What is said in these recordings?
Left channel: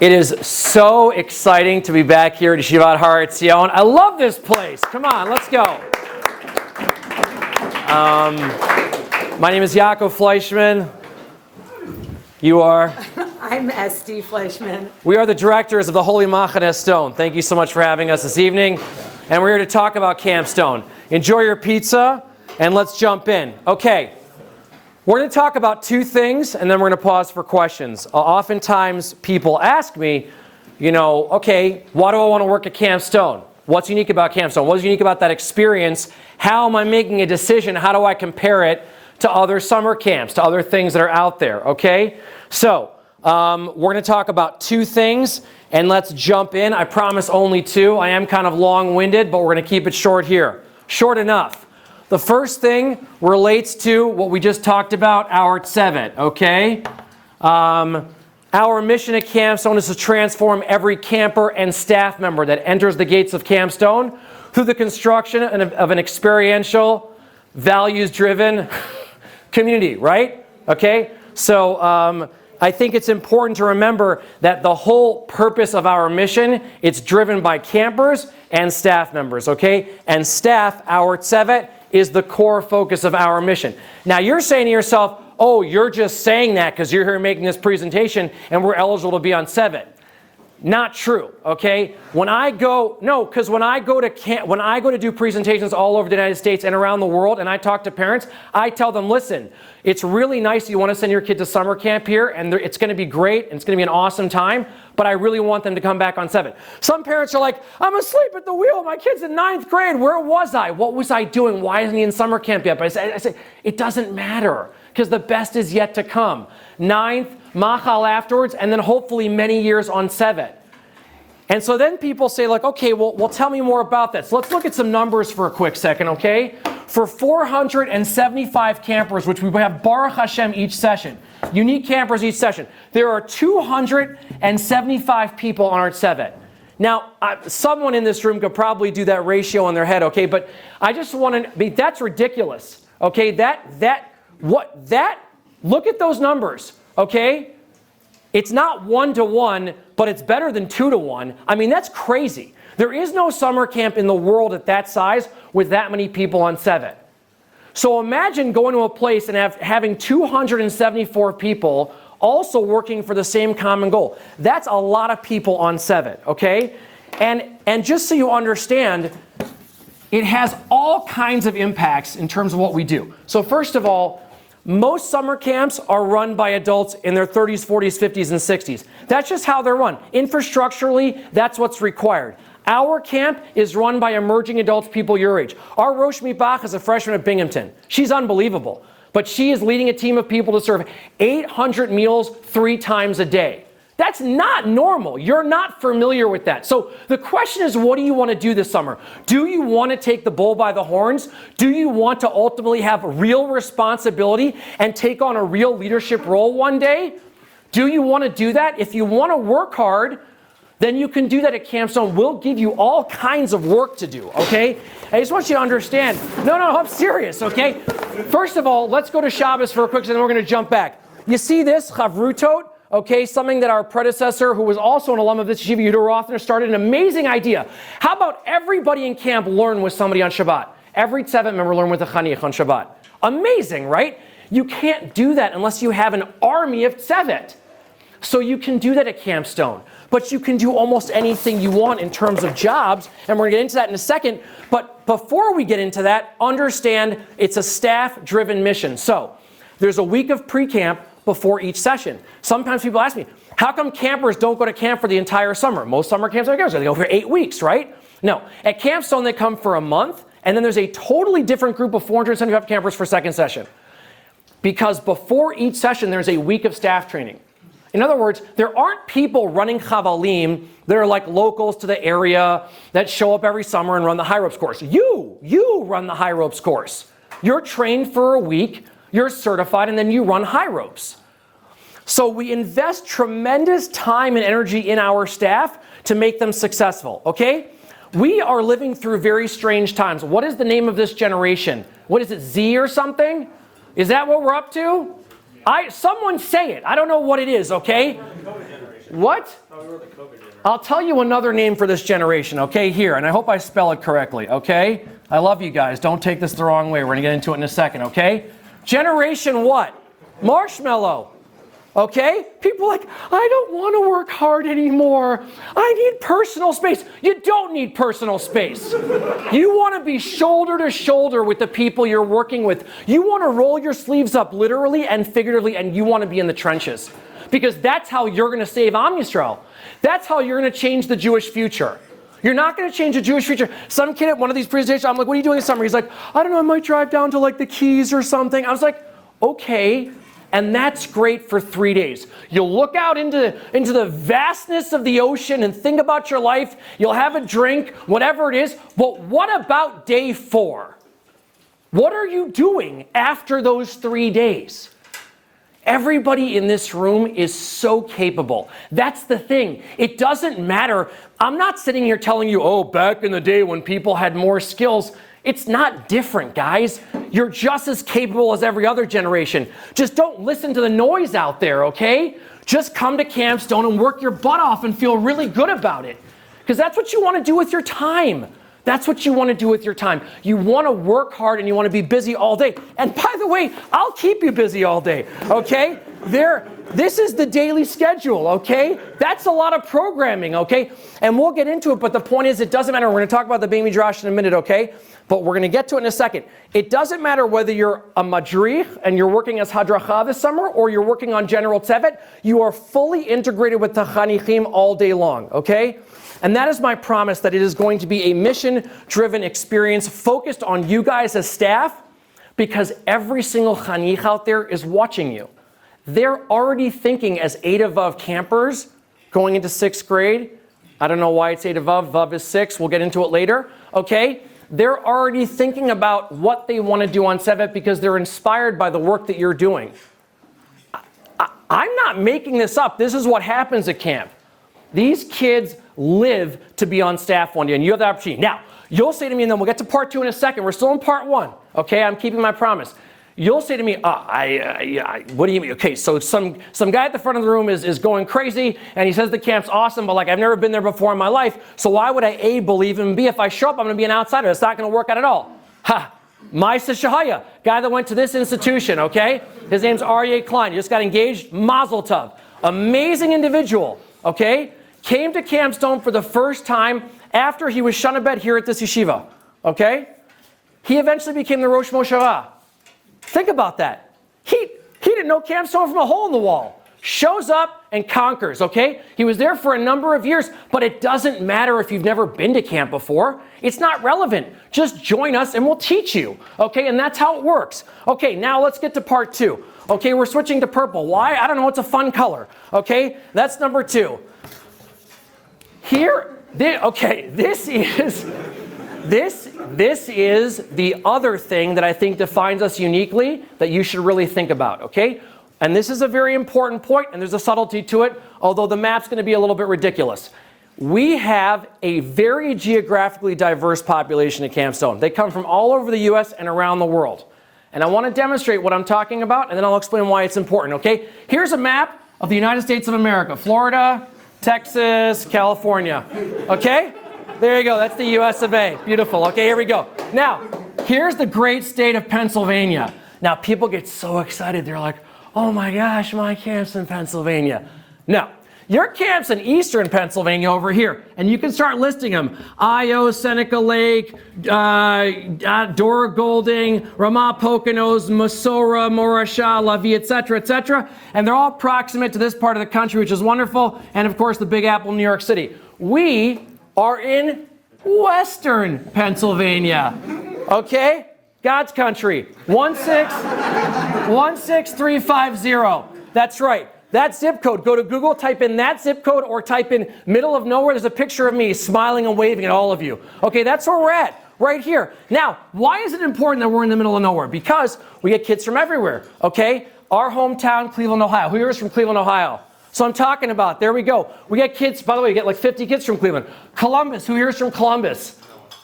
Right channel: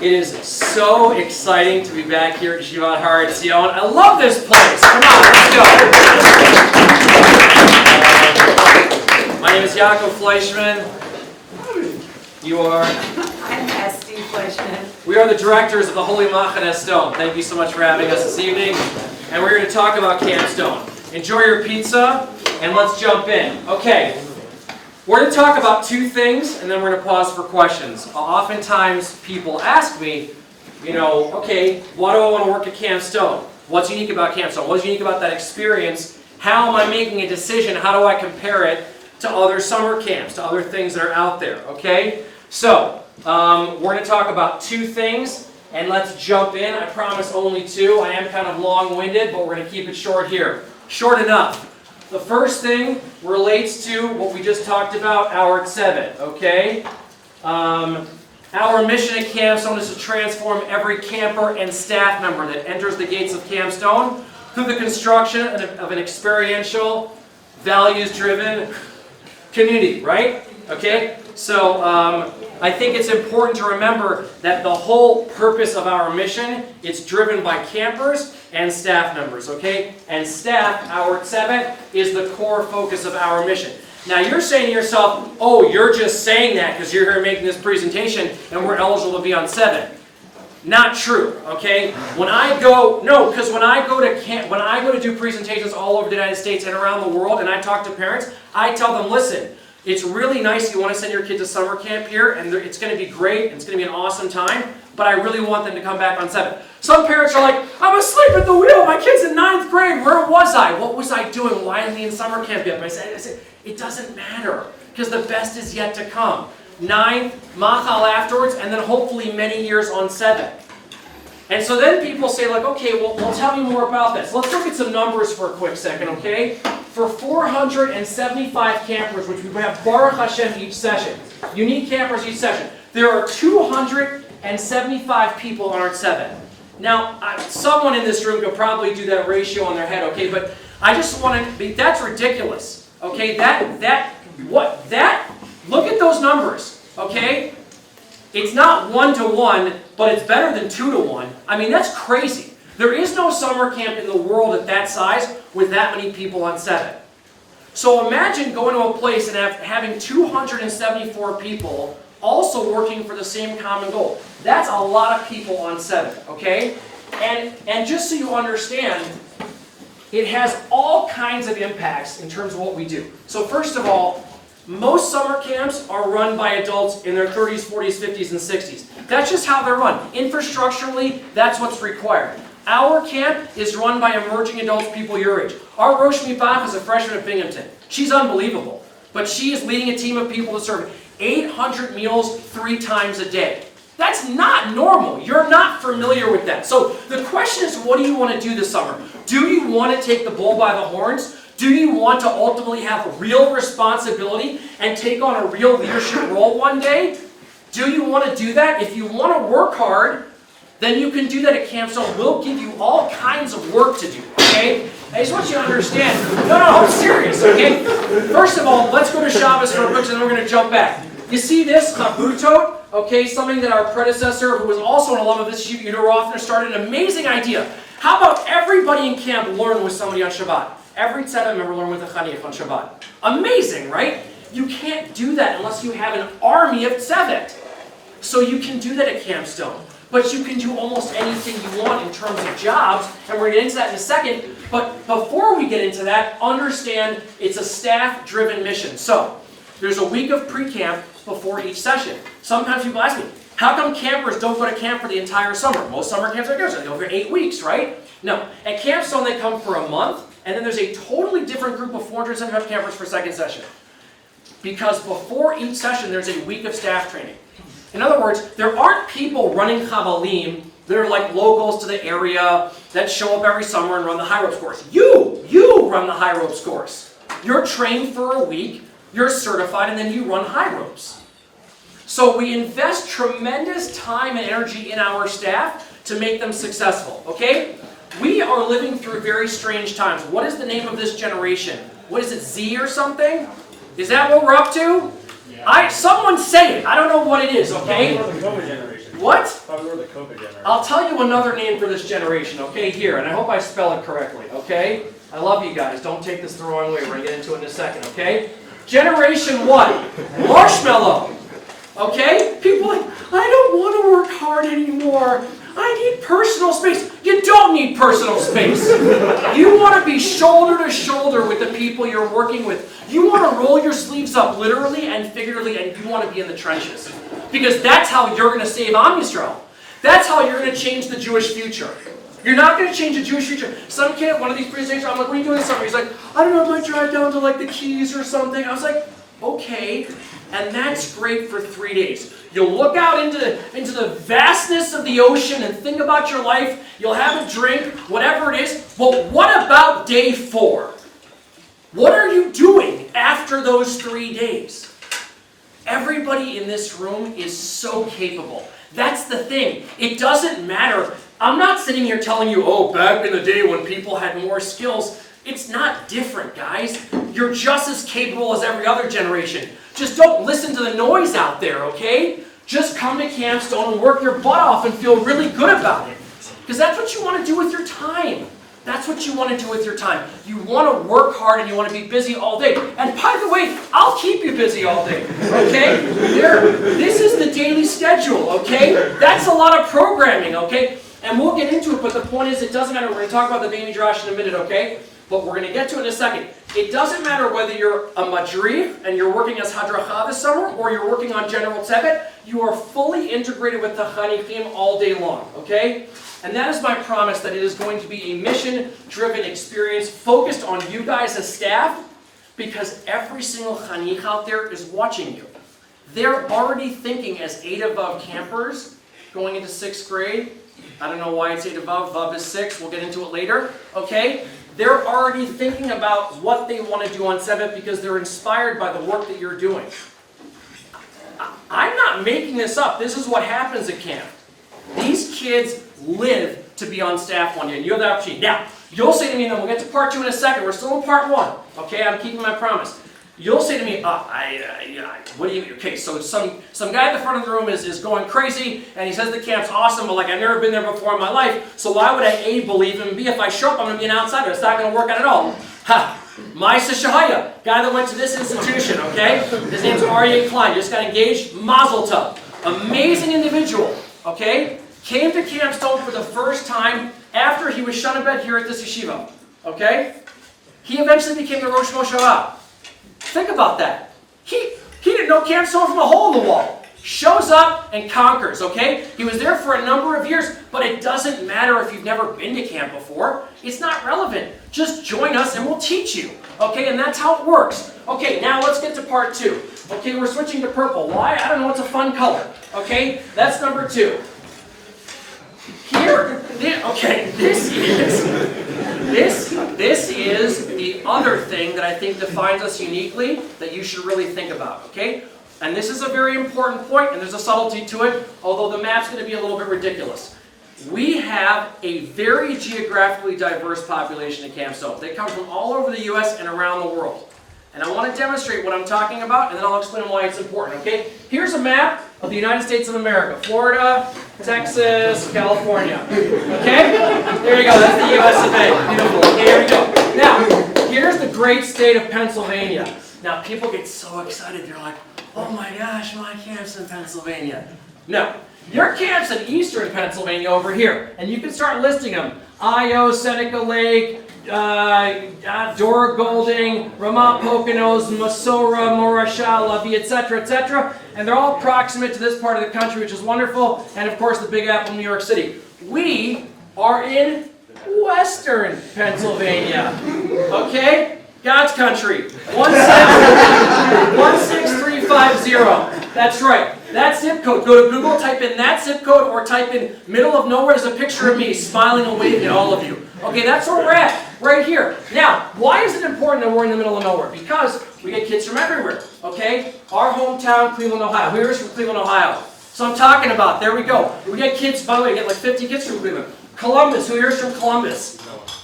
It is so exciting to be back here at Yeshivat Har Etzion. I love this place. Come on, let's go. My name is Yaakov Fleischman. You are? I'm Esty Fleischman. We are the directors of the Holy Machaneh Stone. Thank you so much for having us this evening. And we're here to talk about Camp Stone. Enjoy your pizza, and let's jump in. Okay. We're going to talk about two things, and then we're going to pause for questions. Oftentimes, people ask me, okay, why do I want to work at Camp Stone? What's unique about Camp Stone? What's unique about that experience? How am I making a decision? How do I compare it to other summer camps, to other things that are out there, okay? So, we're going to talk about two things, and let's jump in. I promise only two. I am kind of long-winded, but we're going to keep it short here. Short enough. The first thing relates to what we just talked about, our Tzevet, okay? Our mission at Camp Stone is to transform every camper and staff member that enters the gates of Camp Stone through the construction of an experiential, values-driven community, right? Okay? So I think it's important to remember that the whole purpose of our mission, it's driven by campers and staff members, okay? And staff, our Tzevet, is the core focus of our mission. Now you're saying to yourself, oh, you're just saying that because you're here making this presentation and we're eligible to be on Tzevet. Not true, okay? When I go to do presentations all over the United States and around the world and I talk to parents, I tell them, listen, it's really nice you want to send your kid to summer camp here and it's going to be great and it's going to be an awesome time, but I really want them to come back on Tzevet. Some parents are like, I'm asleep at the wheel. My kid's in 9th grade. Where was I? What was I doing? Why isn't he in summer camp yet? But I said, it doesn't matter because the best is yet to come. 9th, Machal afterwards, and then hopefully many years on Tzevet. And so then people say, like, okay, well, tell me more about this. Let's look at some numbers for a quick second, okay? For 475 campers, which we have Baruch Hashem each session, unique campers each session, there are 275 people on our Tzevet. Now, someone in this room could probably do that ratio in their head, okay? But I just want to be, that's ridiculous, okay? Look at those numbers, okay? It's not 1-to-1, but it's better than 2-to-1. I mean, that's crazy. There is no summer camp in the world at that size with that many people on Tzevet. So imagine going to a place and having 274 people also working for the same common goal. That's a lot of people on Tzevet, okay? And just so you understand, it has all kinds of impacts in terms of what we do. So first of all, most summer camps are run by adults in their 30s, 40s, 50s, and 60s. That's just how they're run. Infrastructurally, that's what's required. Our camp is run by emerging adults, people your age. Our Rosh Mipach is a freshman at Binghamton. She's unbelievable. But she is leading a team of people to serve 800 meals 3 times a day. That's not normal. You're not familiar with that. So the question is, what do you want to do this summer? Do you want to take the bull by the horns? Do you want to ultimately have real responsibility and take on a real leadership role one day? Do you want to do that? If you want to work hard, then you can do that at Camp Stone. We'll give you all kinds of work to do, okay? I just want you to understand. No, I'm serious, okay? First of all, let's go to Shabbos for a quick, and then we're going to jump back. You see this, Chavrutot, okay? Something that our predecessor, who was also an alum of this Yeshiva, Yehuda Rothner, started an amazing idea. How about everybody in camp learn with somebody on Shabbat? Every Tzevet member learn with a Chaniach on Shabbat. Amazing, right? You can't do that unless you have an army of Tzevet. So you can do that at Camp Stone. But you can do almost anything you want in terms of jobs, and we're going to get into that in a second. But before we get into that, understand it's a staff-driven mission. So there's a week of pre-camp before each session. Sometimes people ask me, how come campers don't go to camp for the entire summer? Most summer camps are they go for 8 weeks, right? No. At Camp Stone, they come for a month, and then there's a totally different group of 475 campers for second session. Because before each session, there's a week of staff training. In other words, there aren't people running chavalim that are like locals to the area that show up every summer and run the high ropes course. You run the high ropes course. You're trained for a week, you're certified, and then you run high ropes. So we invest tremendous time and energy in our staff to make them successful, okay? We are living through very strange times. What is the name of this generation? What is it, Z or something? Is that what we're up to? Someone say it. I don't know what it is, okay? What? Probably the COVID generation. I'll tell you another name for this generation, okay, here, and I hope I spell it correctly, okay? I love you guys. Don't take this the wrong way. We're going to get into it in a second, okay? Generation what? Marshmallow. Okay? People are like, I don't want to work hard anymore. I need personal space. You don't need personal space. You want to be shoulder to shoulder with the people you're working with. You want to roll your sleeves up literally and figuratively, and you want to be in the trenches. Because that's how you're going to save Am Yisrael. That's how you're going to change the Jewish future. You're not going to change the Jewish future. Some kid at one of these presentations, I'm like, what are you doing this summer? He's like, I don't know, I might drive down to like the Keys or something. I was like, okay. And that's great for 3 days. You'll look out into the vastness of the ocean and think about your life. You'll have a drink, whatever it is. But what about day 4? What are you doing after those 3 days? Everybody in this room is so capable. That's the thing. It doesn't matter. I'm not sitting here telling you, oh, back in the day when people had more skills. It's not different, guys. You're just as capable as every other generation. Just don't listen to the noise out there, okay? Just come to Camp Stone and work your butt off and feel really good about it. Because that's what you want to do with your time. That's what you want to do with your time. You want to work hard and you want to be busy all day. And by the way, I'll keep you busy all day, okay? This is the daily schedule, okay? That's a lot of programming, okay? And we'll get into it, but the point is it doesn't matter. We're going to talk about the Beit Midrash in a minute, okay? But we're going to get to it in a second. It doesn't matter whether you're a madrich and you're working as hadracha this summer or you're working on general tzevet. You are fully integrated with the chanichim all day long, okay? And that is my promise that it is going to be a mission-driven experience focused on you guys as staff because every single chanich out there is watching you. They're already thinking as 8 Vav campers going into 6th grade. I don't know why it's 8 Vav. Vav is 6. We'll get into it later, okay? They're already thinking about what they want to do on Tzevet because they're inspired by the work that you're doing. I'm not making this up. This is what happens at camp. These kids live to be on staff one day, and you have the opportunity. Now, you'll say to me, and then we'll get to part 2 in a second. We're still in part 1, okay? I'm keeping my promise. You'll say to me, what do you mean? Okay, so some guy at the front of the room is going crazy, and he says the camp's awesome, but like I've never been there before in my life, so why would I A, believe him, and B, if I show up, I'm going to be an outsider. It's not going to work out at all. Ha! Maisa Shahaya, guy that went to this institution, okay? His name's Aryeh Klein. Just got engaged. Mazel tov. Amazing individual, okay? Came to Camp Stone for the first time after he was shunabed here at this yeshiva, okay? He eventually became the Rosh Moshavah. Think about that. He didn't know Camp Stone from a hole in the wall. Shows up and conquers, okay? He was there for a number of years, but it doesn't matter if you've never been to camp before. It's not relevant. Just join us and we'll teach you, okay? And that's how it works. Okay, now let's get to part 2. Okay, we're switching to purple. Why? I don't know. It's a fun color, okay? That's number 2. Here, this is the other thing that I think defines us uniquely that you should really think about, okay? And this is a very important point, and there's a subtlety to it, although the map's going to be a little bit ridiculous. We have a very geographically diverse population at Camp Stone. They come from all over the U.S. and around the world. And I want to demonstrate what I'm talking about, and then I'll explain why it's important, okay? Here's a map of the United States of America. Florida, Texas, California. Okay? There you go. That's the US of A. Beautiful. Okay, here we go. Now, here's the great state of Pennsylvania. Now, people get so excited. They're like, oh my gosh, my camp's in Pennsylvania. No. Your camp's in eastern Pennsylvania over here. And you can start listing them. Io, Seneca Lake, Dora Golding, Ramah Poconos, Masora, Morasha, Lavi, etc., etc. And they're all proximate to this part of the country, which is wonderful. And of course, the Big Apple, New York City. We are in western Pennsylvania. Okay? God's country. 16350. That's right. That zip code. Go to Google, type in that zip code, or type in middle of nowhere. There's a picture of me smiling and waving at all of you. Okay, that's where we're at, right here. Now, why is it important that we're in the middle of nowhere? Because we get kids from everywhere, okay? Our hometown, Cleveland, Ohio. Who here is from Cleveland, Ohio? So I'm talking about, there we go. We get kids, by the way, we get like 50 kids from Cleveland. Columbus, who here is from Columbus?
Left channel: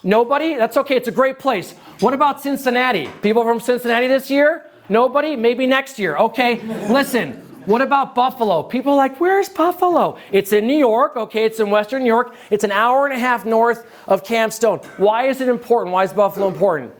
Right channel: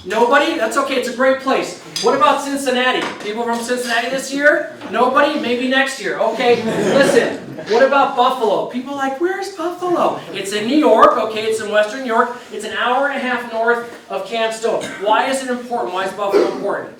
Nobody? That's okay, it's a great place. What about Cincinnati? People from Cincinnati this year? Nobody? Maybe next year. Okay, listen. What about Buffalo? People are like, where's Buffalo? It's in New York, okay, it's in Western New York. It's an hour and a half north of Camp Stone. Why is it important? Why is Buffalo important?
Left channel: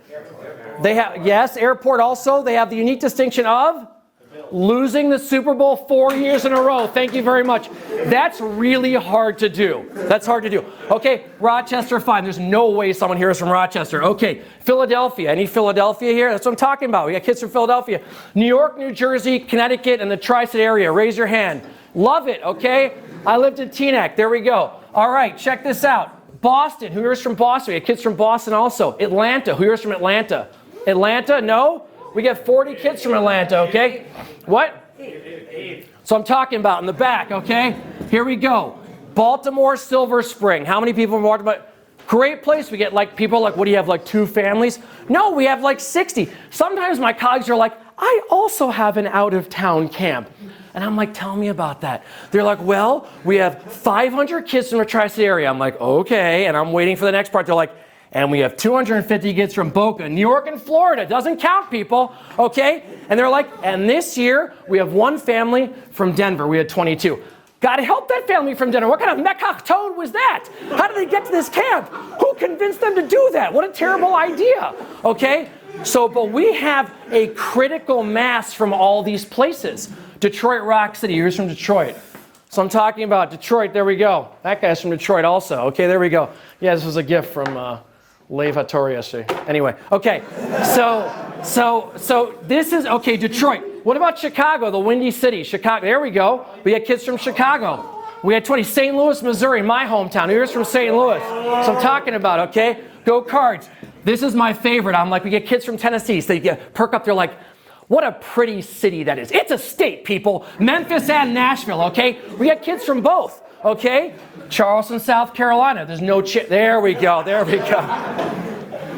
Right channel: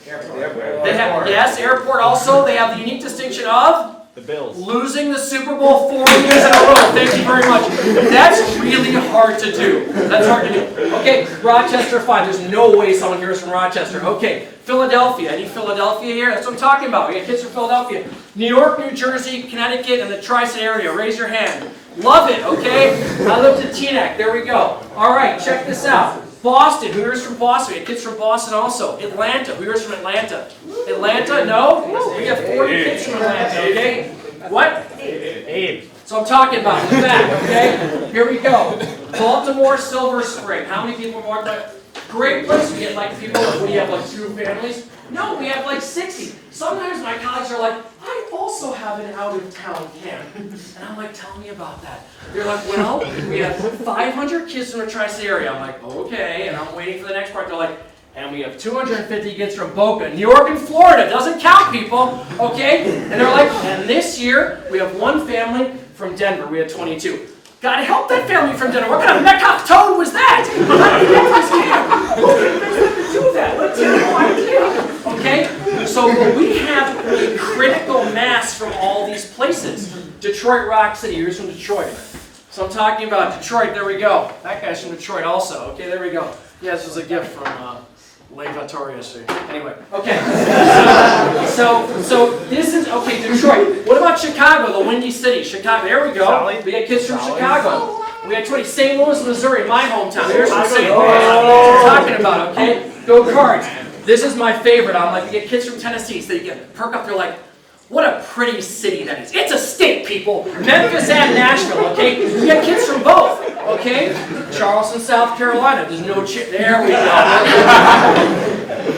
They have, yes, airport also. They have the unique distinction of The Bills. losing the Super Bowl 4 years in a row. Thank you very much. That's really hard to do. That's hard to do. Okay, Rochester 5. There's no way someone here is from Rochester. Okay, Philadelphia. Any Philadelphia here? That's what I'm talking about. We got kids from Philadelphia. New York, New Jersey, Connecticut, and the Tri-State area. Raise your hand. Love it, okay? I lived in Teaneck. There we go. All right, check this out. Boston. Who here is from Boston? We got kids from Boston also. Atlanta. Who here is from Atlanta? Atlanta? No? We got 40 kids from Atlanta, okay? What? Abe. So I'm talking about in the back, okay? Here we go. Baltimore, Silver Spring. How many people are about? Great place. We get like people like, what do you have, like 2 families? No, we have like 60. Sometimes my colleagues are like, I also have an out-of-town camp. And I'm like, tell me about that. They're like, well, we have 500 kids from the Tri-State area. I'm like, okay. And I'm waiting for the next part. They're like, and we have 250 kids from Boca, New York, and Florida. Doesn't count, people, okay? And they're like, and this year, we have 1 family from Denver. We had 22. Gotta help that family from Denver. What kind of Metcalf toad was that? How did they get to this camp? Who convinced them to do that? What a terrible idea, okay? So but we have a critical mass from all these places. Detroit Rock City, who's from Detroit? So I'm talking about Detroit, there we go. That guy's from Detroit also, okay, there we go. Yeah, this was a gift from Lev Hattori yesterday. Anyway, okay. So this is, okay, Detroit. What about Chicago, the Windy City? Chicago, there we go. We had kids from Chicago. We had 20. St. Louis, Missouri, my hometown. Here's from St. Louis. That's what I'm talking about, okay? Go Cards. This is my favorite. I'm like, we get kids from Tennessee. So they get perk up, they're like, what a pretty city that is. It's a state, people. Memphis and Nashville, okay? We have kids from both, okay? Charleston, South Carolina. There's no there we go.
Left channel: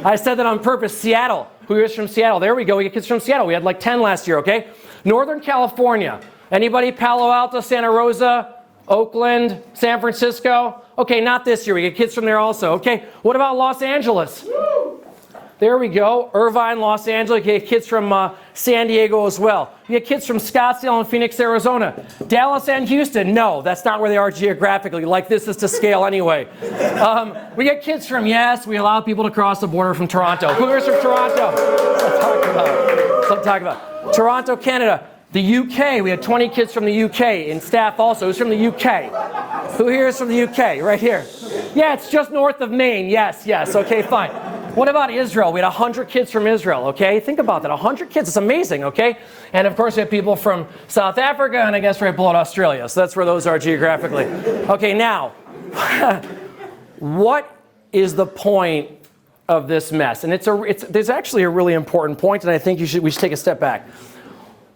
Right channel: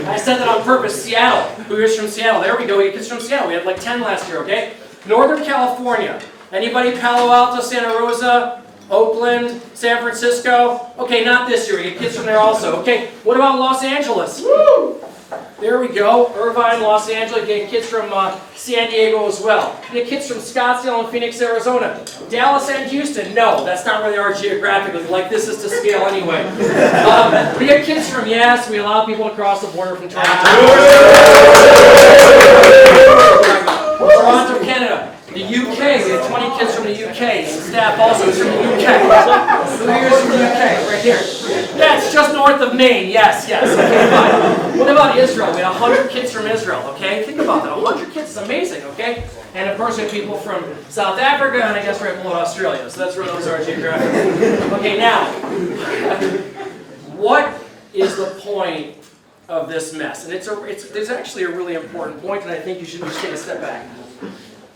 I said that on purpose. Seattle. Who is from Seattle? There we go. We have kids from Seattle. We had like 10 last year, okay? Northern California. Anybody? Palo Alto, Santa Rosa, Oakland, San Francisco? Okay, not this year. We get kids from there also, okay? What about Los Angeles? Woo! There we go. Irvine, Los Angeles. You get kids from San Diego as well. You get kids from Scottsdale and Phoenix, Arizona. Dallas and Houston. No, that's not where they are geographically. Like this is to scale anyway. We get kids from, yes, we allow people to cross the border from Toronto. Toronto, Canada. The UK, we had 20 kids from the UK, and staff also is from the UK. Who here is from the UK? Right here. Yeah, it's just north of Maine. Yes, okay, fine. What about Israel? We had 100 kids from Israel, okay? Think about that, 100 kids, it's amazing, okay? And of course we have people from South Africa, and I guess right below Australia, so that's where those are geographically. Okay, now, what is the point of this mess? And there's actually a really important point, and I think we should take a step back.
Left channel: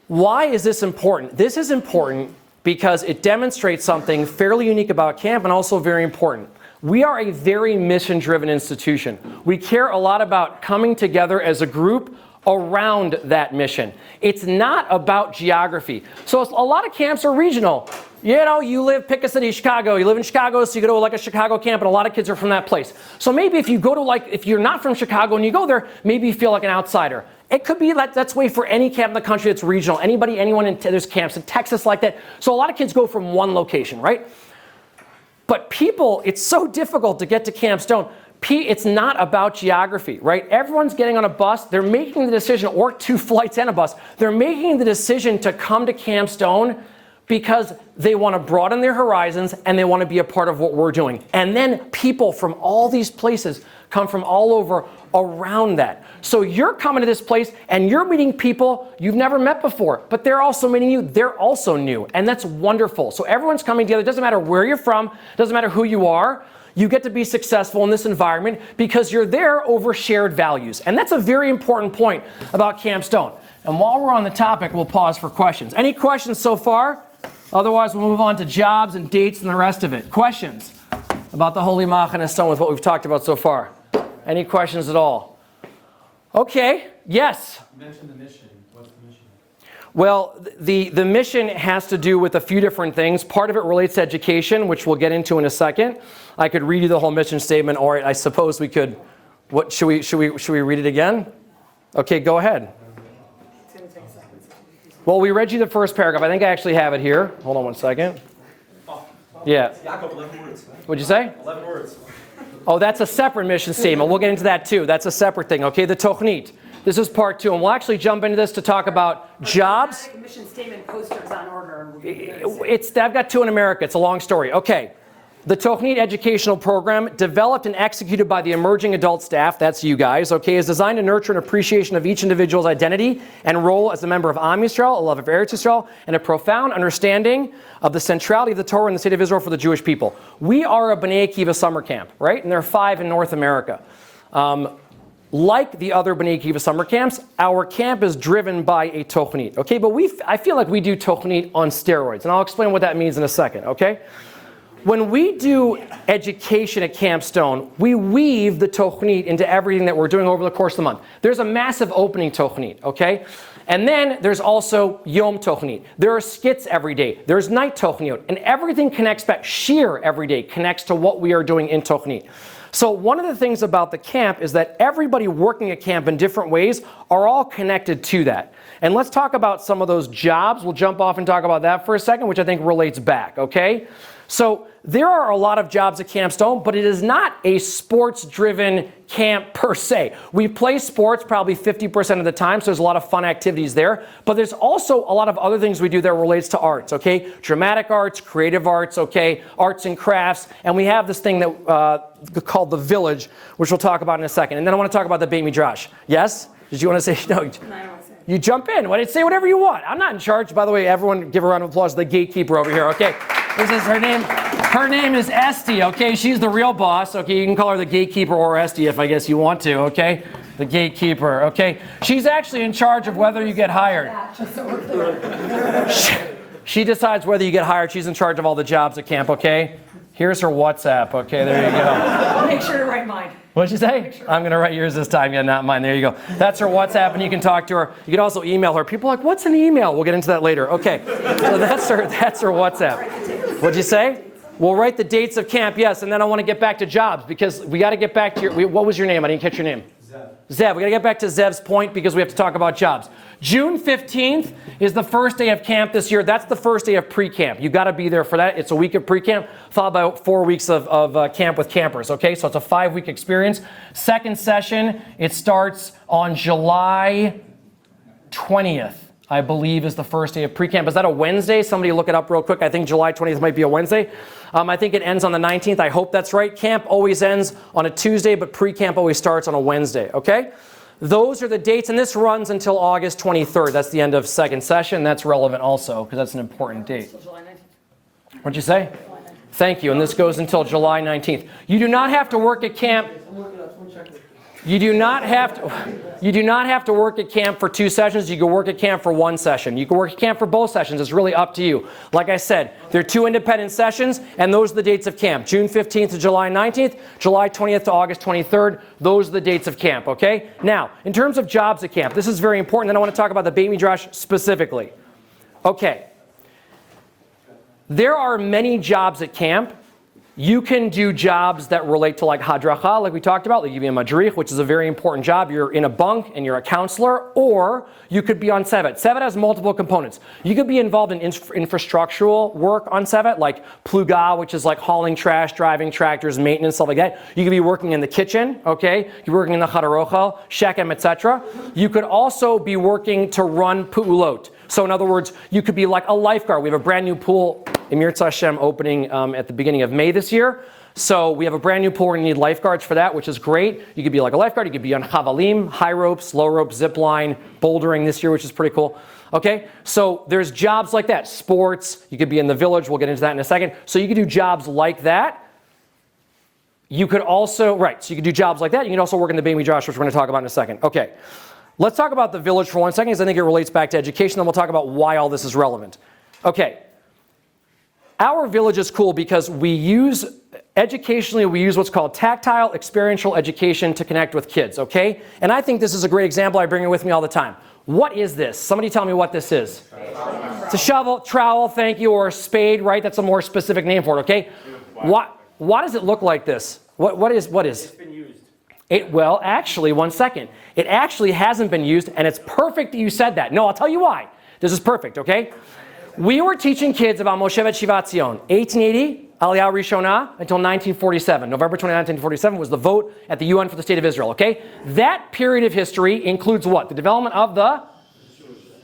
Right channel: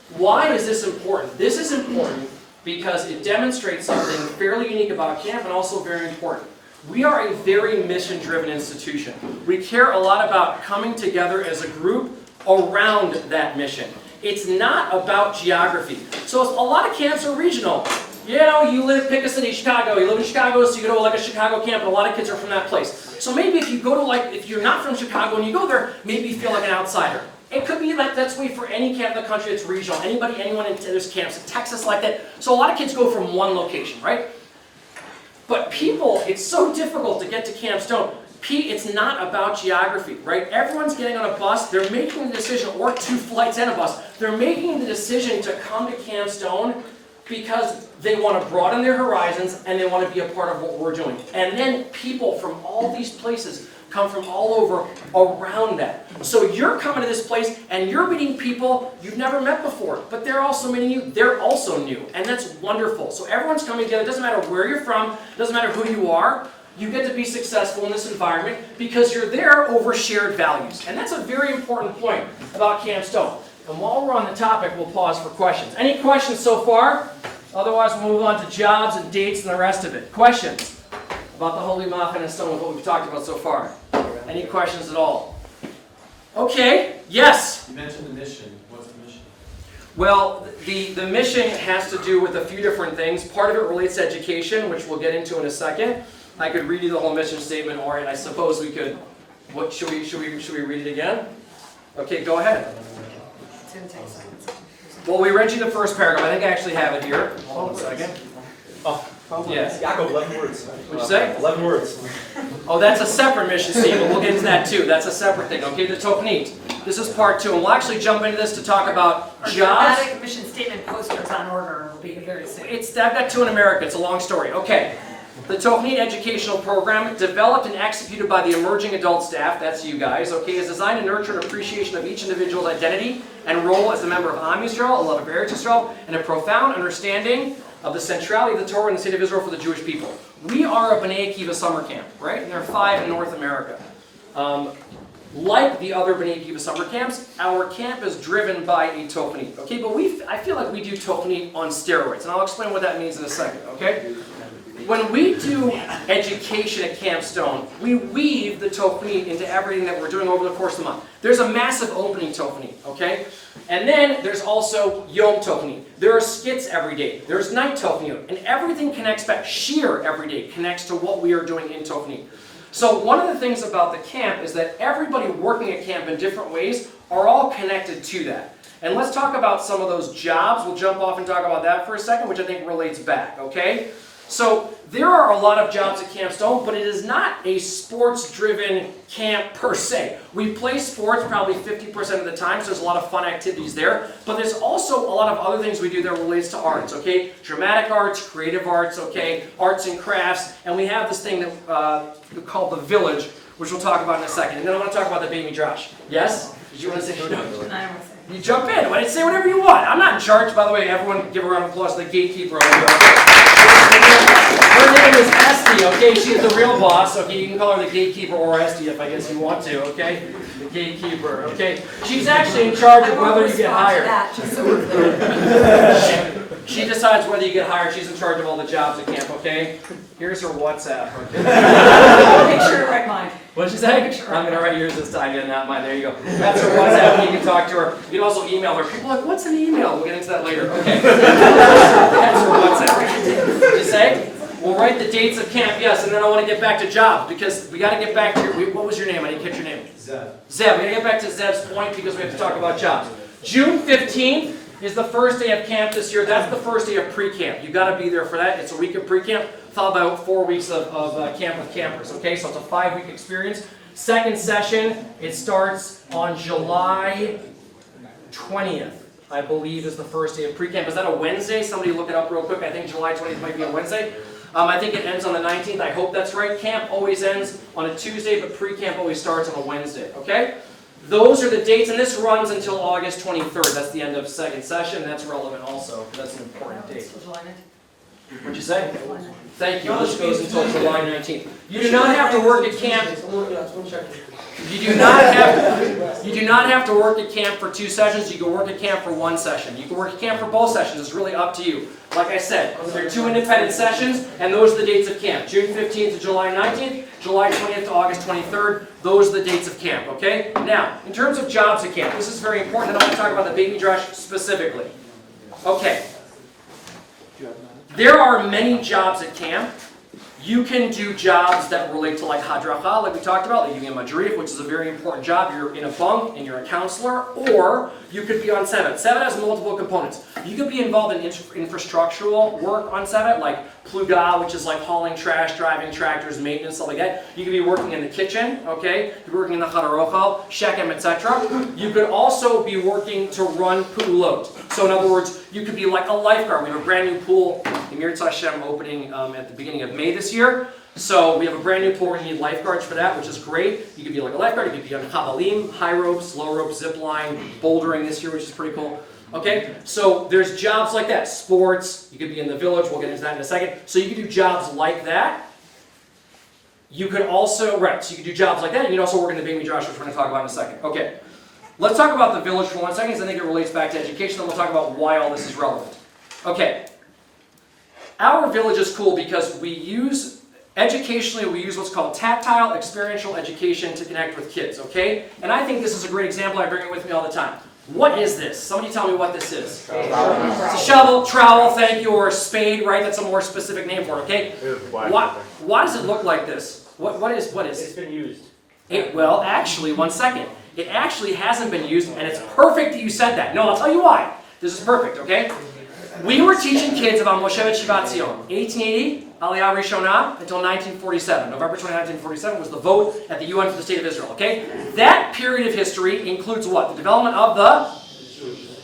Why is this important? This is important because it demonstrates something fairly unique about camp and also very important. We are a very mission-driven institution. We care a lot about coming together as a group around that mission. It's not about geography. So a lot of camps are regional. You know, pick a city, Chicago. You live in Chicago, so you go to like a Chicago camp, and a lot of kids are from that place. So maybe if you go to if you're not from Chicago and you go there, maybe you feel like an outsider. It could be like that's way for any camp in the country that's regional. Anyone there's camps in Texas like that. So a lot of kids go from one location, right? But people, it's so difficult to get to Camp Stone. It's not about geography, right? Everyone's getting on a bus. They're making the decision, or 2 flights and a bus. They're making the decision to come to Camp Stone because they want to broaden their horizons and they want to be a part of what we're doing. And then people from all these places come from all over around that. So you're coming to this place and you're meeting people you've never met before, but they're also meeting you. They're also new, and that's wonderful. So everyone's coming together. It doesn't matter where you're from. It doesn't matter who you are. You get to be successful in this environment because you're there over shared values. And that's a very important point about Camp Stone. And while we're on the topic, we'll pause for questions. Any questions so far? Otherwise, we'll move on to jobs and dates and the rest of it. Questions about the Holy Machane Stone with what we've talked about so far? Any questions at all? Okay, yes? You mentioned the mission. What's the mission? Well, the mission has to do with a few different things. Part of it relates to education, which we'll get into in a second. I could read you the whole mission statement, or I suppose we could. What should we read it again? Okay, go ahead. It's going to take seconds. Well, we read you the first paragraph. I think I actually have it here. Hold on one second. Yeah. Yaakov, 11 words. What'd you say? 11 words. Oh, that's a separate mission statement. We'll get into that too. That's a separate thing. Okay, the Tochnit. This is part 2, and we'll actually jump into this to talk about jobs. Dramatic mission statement posters on order. I've got 2 in America. It's a long story. Okay. The Tochnit educational program, developed and executed by the emerging adult staff, that's you guys, okay, is designed to nurture an appreciation of each individual's identity and role as a member of Am Yisrael, a love of Eretz Yisrael, and a profound understanding of the centrality of the Torah and the state of Israel for the Jewish people. We are a Bnei Akiva summer camp, right? And there are 5 in North America. Like the other Bnei Akiva summer camps, our camp is driven by a Tochnit, okay? But I feel like we do Tochnit on steroids, and I'll explain what that means in a second, okay? When we do education at Camp Stone, we weave the Tochnit into everything that we're doing over the course of the month. There's a massive opening Tochnit, okay? And then there's also Yom Tochnit. There are skits every day. There's night Tochnit. And everything connects back. Shir every day connects to what we are doing in Tochnit. So one of the things about the camp is that everybody working at camp in different ways are all connected to that. And let's talk about some of those jobs. We'll jump off and talk about that for a second, which I think relates back, okay? So there are a lot of jobs at Camp Stone, but it is not a sports-driven camp per se. We play sports probably 50% of the time, so there's a lot of fun activities there. But there's also a lot of other things we do that relates to arts, okay? Dramatic arts, creative arts, okay? Arts and crafts. And we have this thing that called the Village, which we'll talk about in a second. And then I want to talk about the Beit Midrash. Yes? Did you want to say? No. You jump in. Say whatever you want. I'm not in charge. By the way, everyone give a round of applause to the gatekeeper over here, okay? Her name is Esty, okay? She's the real boss, okay? You can call her the gatekeeper or Esty if I guess you want to, okay? The gatekeeper, okay? She's actually in charge of whether you get hired. She decides whether you get hired. She's in charge of all the jobs at camp, okay? Here's her WhatsApp, okay? Make sure to write mine. What did she say? I'm going to write yours this time, yeah, not mine. There you go. That's her WhatsApp, and you can talk to her. You can also email her. People are like, what's an email? We'll get into that later. Okay. That's her WhatsApp. What'd you say? We'll write the dates of camp, yes, and then I want to get back to jobs, because we got to get back to your, what was your name? I didn't catch your name. Zev. We got to get back to Zev's point, because we have to talk about jobs. June 15th is the first day of camp this year. That's the first day of pre-camp. You've got to be there for that. It's a week of pre-camp, followed by 4 weeks of camp with campers, okay? So it's a 5-week experience. Second session, it starts on July 20th, I believe, is the first day of pre-camp. Is that a Wednesday? Somebody look it up real quick. I think July 20th might be a Wednesday. I think it ends on the 19th. I hope that's right. Camp always ends on a Tuesday, but pre-camp always starts on a Wednesday, okay? Those are the dates, and this runs until August 23rd. That's the end of second session. That's relevant also, because that's an important date. What'd you say? Thank you, and this goes until July 19th. You do not have to work at camp. You do not have to work at camp for 2 sessions. You can work at camp for 1 session. You can work at camp for both sessions. It's really up to you. Like I said, they're 2 independent sessions, and those are the dates of camp. June 15th to July 19th, July 20th to August 23rd. Those are the dates of camp, okay? Now, in terms of jobs at camp, this is very important, and I want to talk about the Beit Midrash specifically. Okay. There are many jobs at camp. You can do jobs that relate to like hadracha, like we talked about. They give you a madrich, which is a very important job. You're in a bunk and you're a counselor, or you could be on Tzevet. Tzevet has multiple components. You could be involved in infrastructural work on Tzevet, like pluga, which is like hauling trash, driving tractors, maintenance, stuff like that. You could be working in the kitchen, okay? You're working in the chadarochel, shekem, etc. You could also be working to run pu'ulot. So in other words, you could be like a lifeguard. We have a brand new pool, Emir Hashem, opening at the beginning of May this year. So we have a brand new pool. We're going to need lifeguards for that, which is great. You could be like a lifeguard. You could be on chavalim, high ropes, low rope, zip line, bouldering this year, which is pretty cool. Okay, so there's jobs like that. Sports, you could be in the village. We'll get into that in a second. So you could do jobs like that. You could also, so you could do jobs like that. You can also work in the Beit Midrash, which we're going to talk about in a second. Okay. Let's talk about the village for 1 second, because I think it relates back to education, and we'll talk about why all this is relevant. Okay. Our village is cool because educationally, we use what's called tactile experiential education to connect with kids, okay? And I think this is a great example. I bring it with me all the time. What is this? Somebody tell me what this is. It's a shovel, trowel, thank you, or a spade, right? That's a more specific name for it, okay? Why does it look like this? What is? It's been used. Well, actually, 1 second. It actually hasn't been used, and it's perfect that you said that. No, I'll tell you why. This is perfect, okay? We were teaching kids about Moshevet Shivat Zion. 1880, Aliyah Rishonah, until 1947. November 29, 1947 was the vote at the UN for the State of Israel, okay? That period of history includes what? The development of the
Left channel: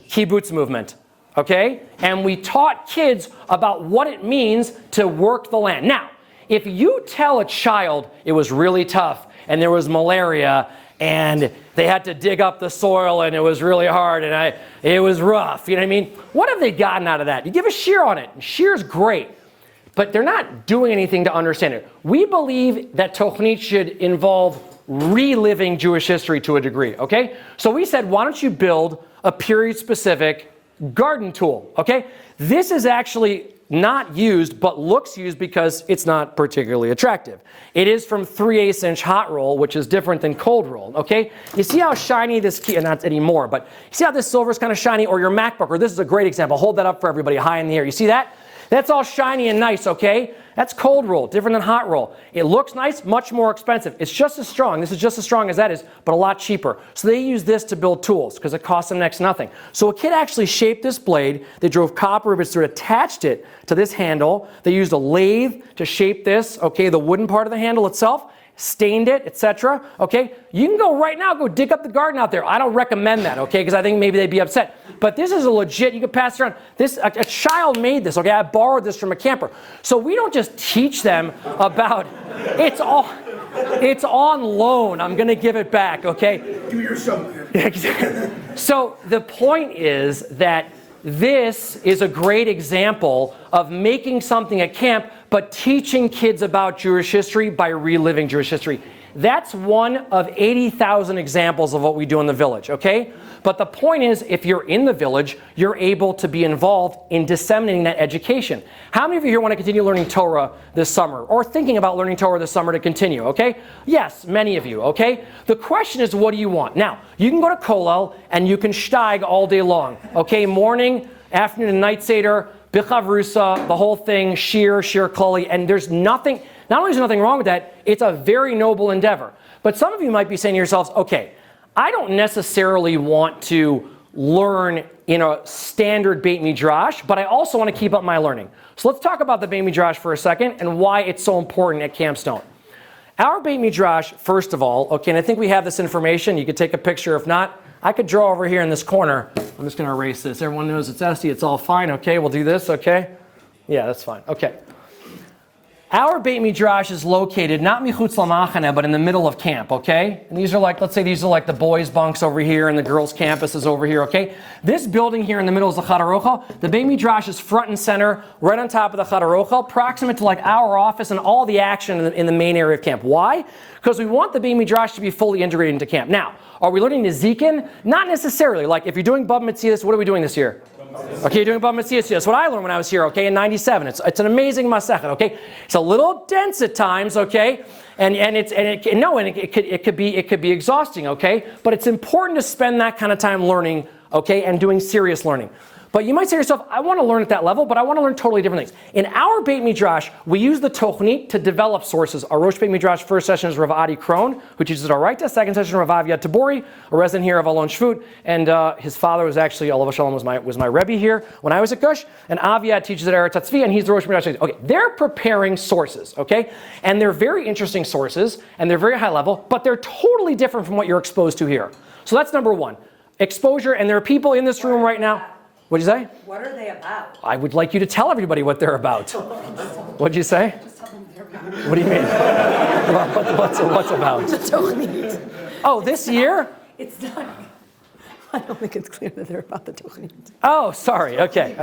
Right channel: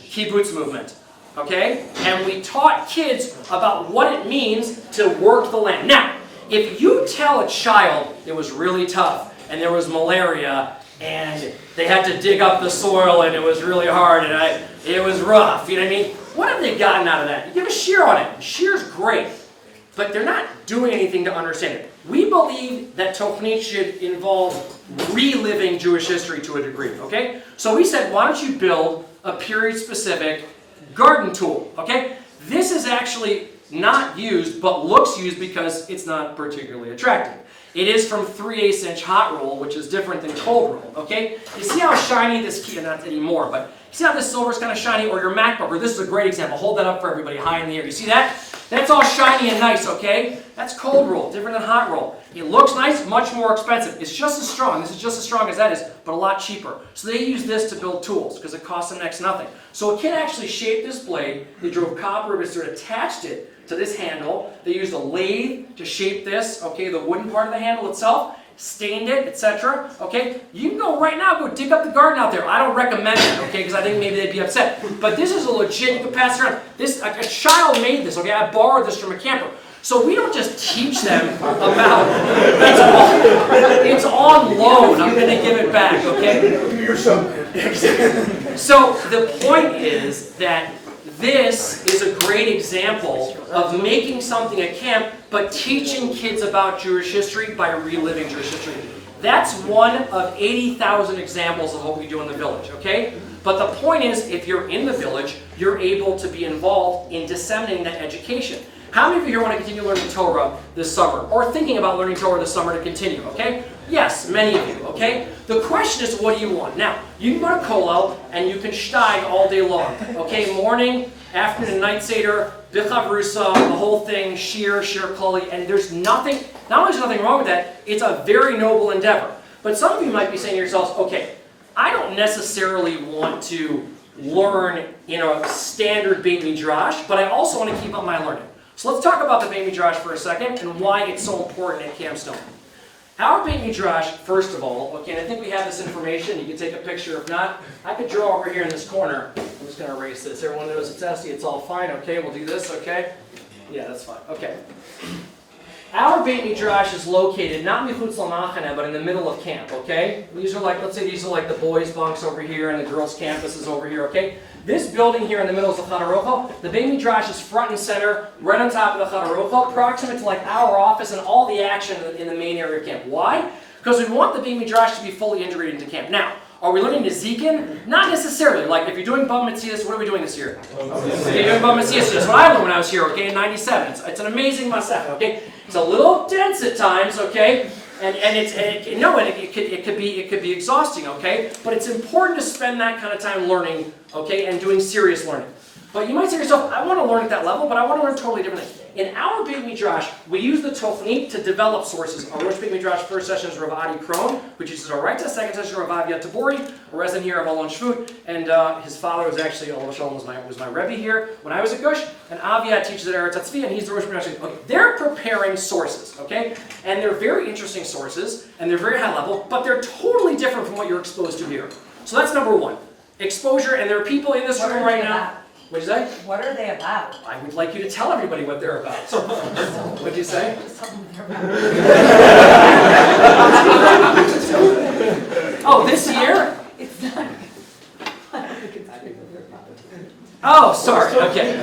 kibbutz movement, okay? And we taught kids about what it means to work the land. Now, if you tell a child it was really tough and there was malaria and they had to dig up the soil and it was really hard and it was rough, you know what I mean? What have they gotten out of that? You give a shear on it. Shear's great, but they're not doing anything to understand it. We believe that Tochnit should involve reliving Jewish history to a degree, okay? So we said, why don't you build a period-specific garden tool, okay? This is actually not used, but looks used because it's not particularly attractive. It is from 3/8 inch hot roll, which is different than cold roll, okay? You see how shiny this key, and not anymore, but you see how this silver is kind of shiny, or your MacBook, or this is a great example. Hold that up for everybody high in the air. You see that? That's all shiny and nice, okay? That's cold roll, different than hot roll. It looks nice, much more expensive. It's just as strong. This is just as strong as that is, but a lot cheaper. So they use this to build tools because it costs them next to nothing. So a kid actually shaped this blade. They drove copper ribbons through it, attached it to this handle. They used a lathe to shape this, okay, the wooden part of the handle itself, stained it, etc. Okay, you can go right now, go dig up the garden out there. I don't recommend that, okay, because I think maybe they'd be upset. But this is a legit, you can pass it around. This, a child made this, okay, I borrowed this from a camper. So we don't just teach them about, it's on loan, I'm going to give it back, okay? So the point is that this is a great example of making something at camp, but teaching kids about Jewish history by reliving Jewish history. That's one of 80,000 examples of what we do in the village, okay? But the point is, if you're in the village, you're able to be involved in disseminating that education. How many of you here want to continue learning Torah this summer? Or thinking about learning Torah this summer to continue, okay? Yes, many of you, okay? The question is, what do you want? Now, you can go to Kollel and you can steig all day long, okay? Morning, afternoon, night seder, Bichav Rusa, the whole thing, Shir Klali, and there's nothing, not only is there nothing wrong with that, it's a very noble endeavor. But some of you might be saying to yourselves, okay, I don't necessarily want to learn in a standard Beit Midrash, but I also want to keep up my learning. So let's talk about the Beit Midrash for a second and why it's so important at Camp Stone. Our Beit Midrash, first of all, okay, and I think we have this information. You could take a picture. If not, I could draw over here in this corner. I'm just going to erase this. Everyone knows it's Essie. It's all fine, okay? We'll do this, okay? Yeah, that's fine. Okay. Our Beit Midrash is located not Michutz Lamachane, but in the middle of camp, okay? These are like, let's say these are like the boys' bunks over here and the girls' campus is over here, okay? This building here in the middle is the Chad Aruchel. The Beit Midrash is front and center, right on top of the Chad Aruchel, proximate to like our office and all the action in the main area of camp. Why? Because we want the Beit Midrash to be fully integrated into camp. Now, are we learning Nezikin? Not necessarily. Like, if you're doing Bava Metzias, what are we doing this year? Okay, you're doing Bava Metzias. That's what I learned when I was here, okay, in 97. It's an amazing Masechet, okay? It's a little dense at times, okay? It could be exhausting, okay? But it's important to spend that kind of time learning, okay, and doing serious learning. But you might say to yourself, I want to learn at that level, but I want to learn totally different things. In our Beit Midrash, we use the Tochnit to develop sources. Our Rosh Beit Midrash first session is Rav Adi Kron, who teaches our Raita. Second session, Rav Aviad Tabori, a resident here of Alon Shvut. And his father was actually, Olav Shalom was my Rebbe here when I was at Gush. And Aviad teaches at Eretz Tzvi, and he's the Rosh Midrash. Okay, they're preparing sources, okay? And they're very interesting sources, and they're very high level, but they're totally different from what you're exposed to here. So that's number one. Exposure, and there are people in this room right now. What'd you say? What are they about? I would like you to tell everybody what they're about. What'd you say? Just tell them what they're about. What do you mean? Oh, this year? It's not. I don't think it's clear that they're about the Tochnit. Oh, sorry. Okay.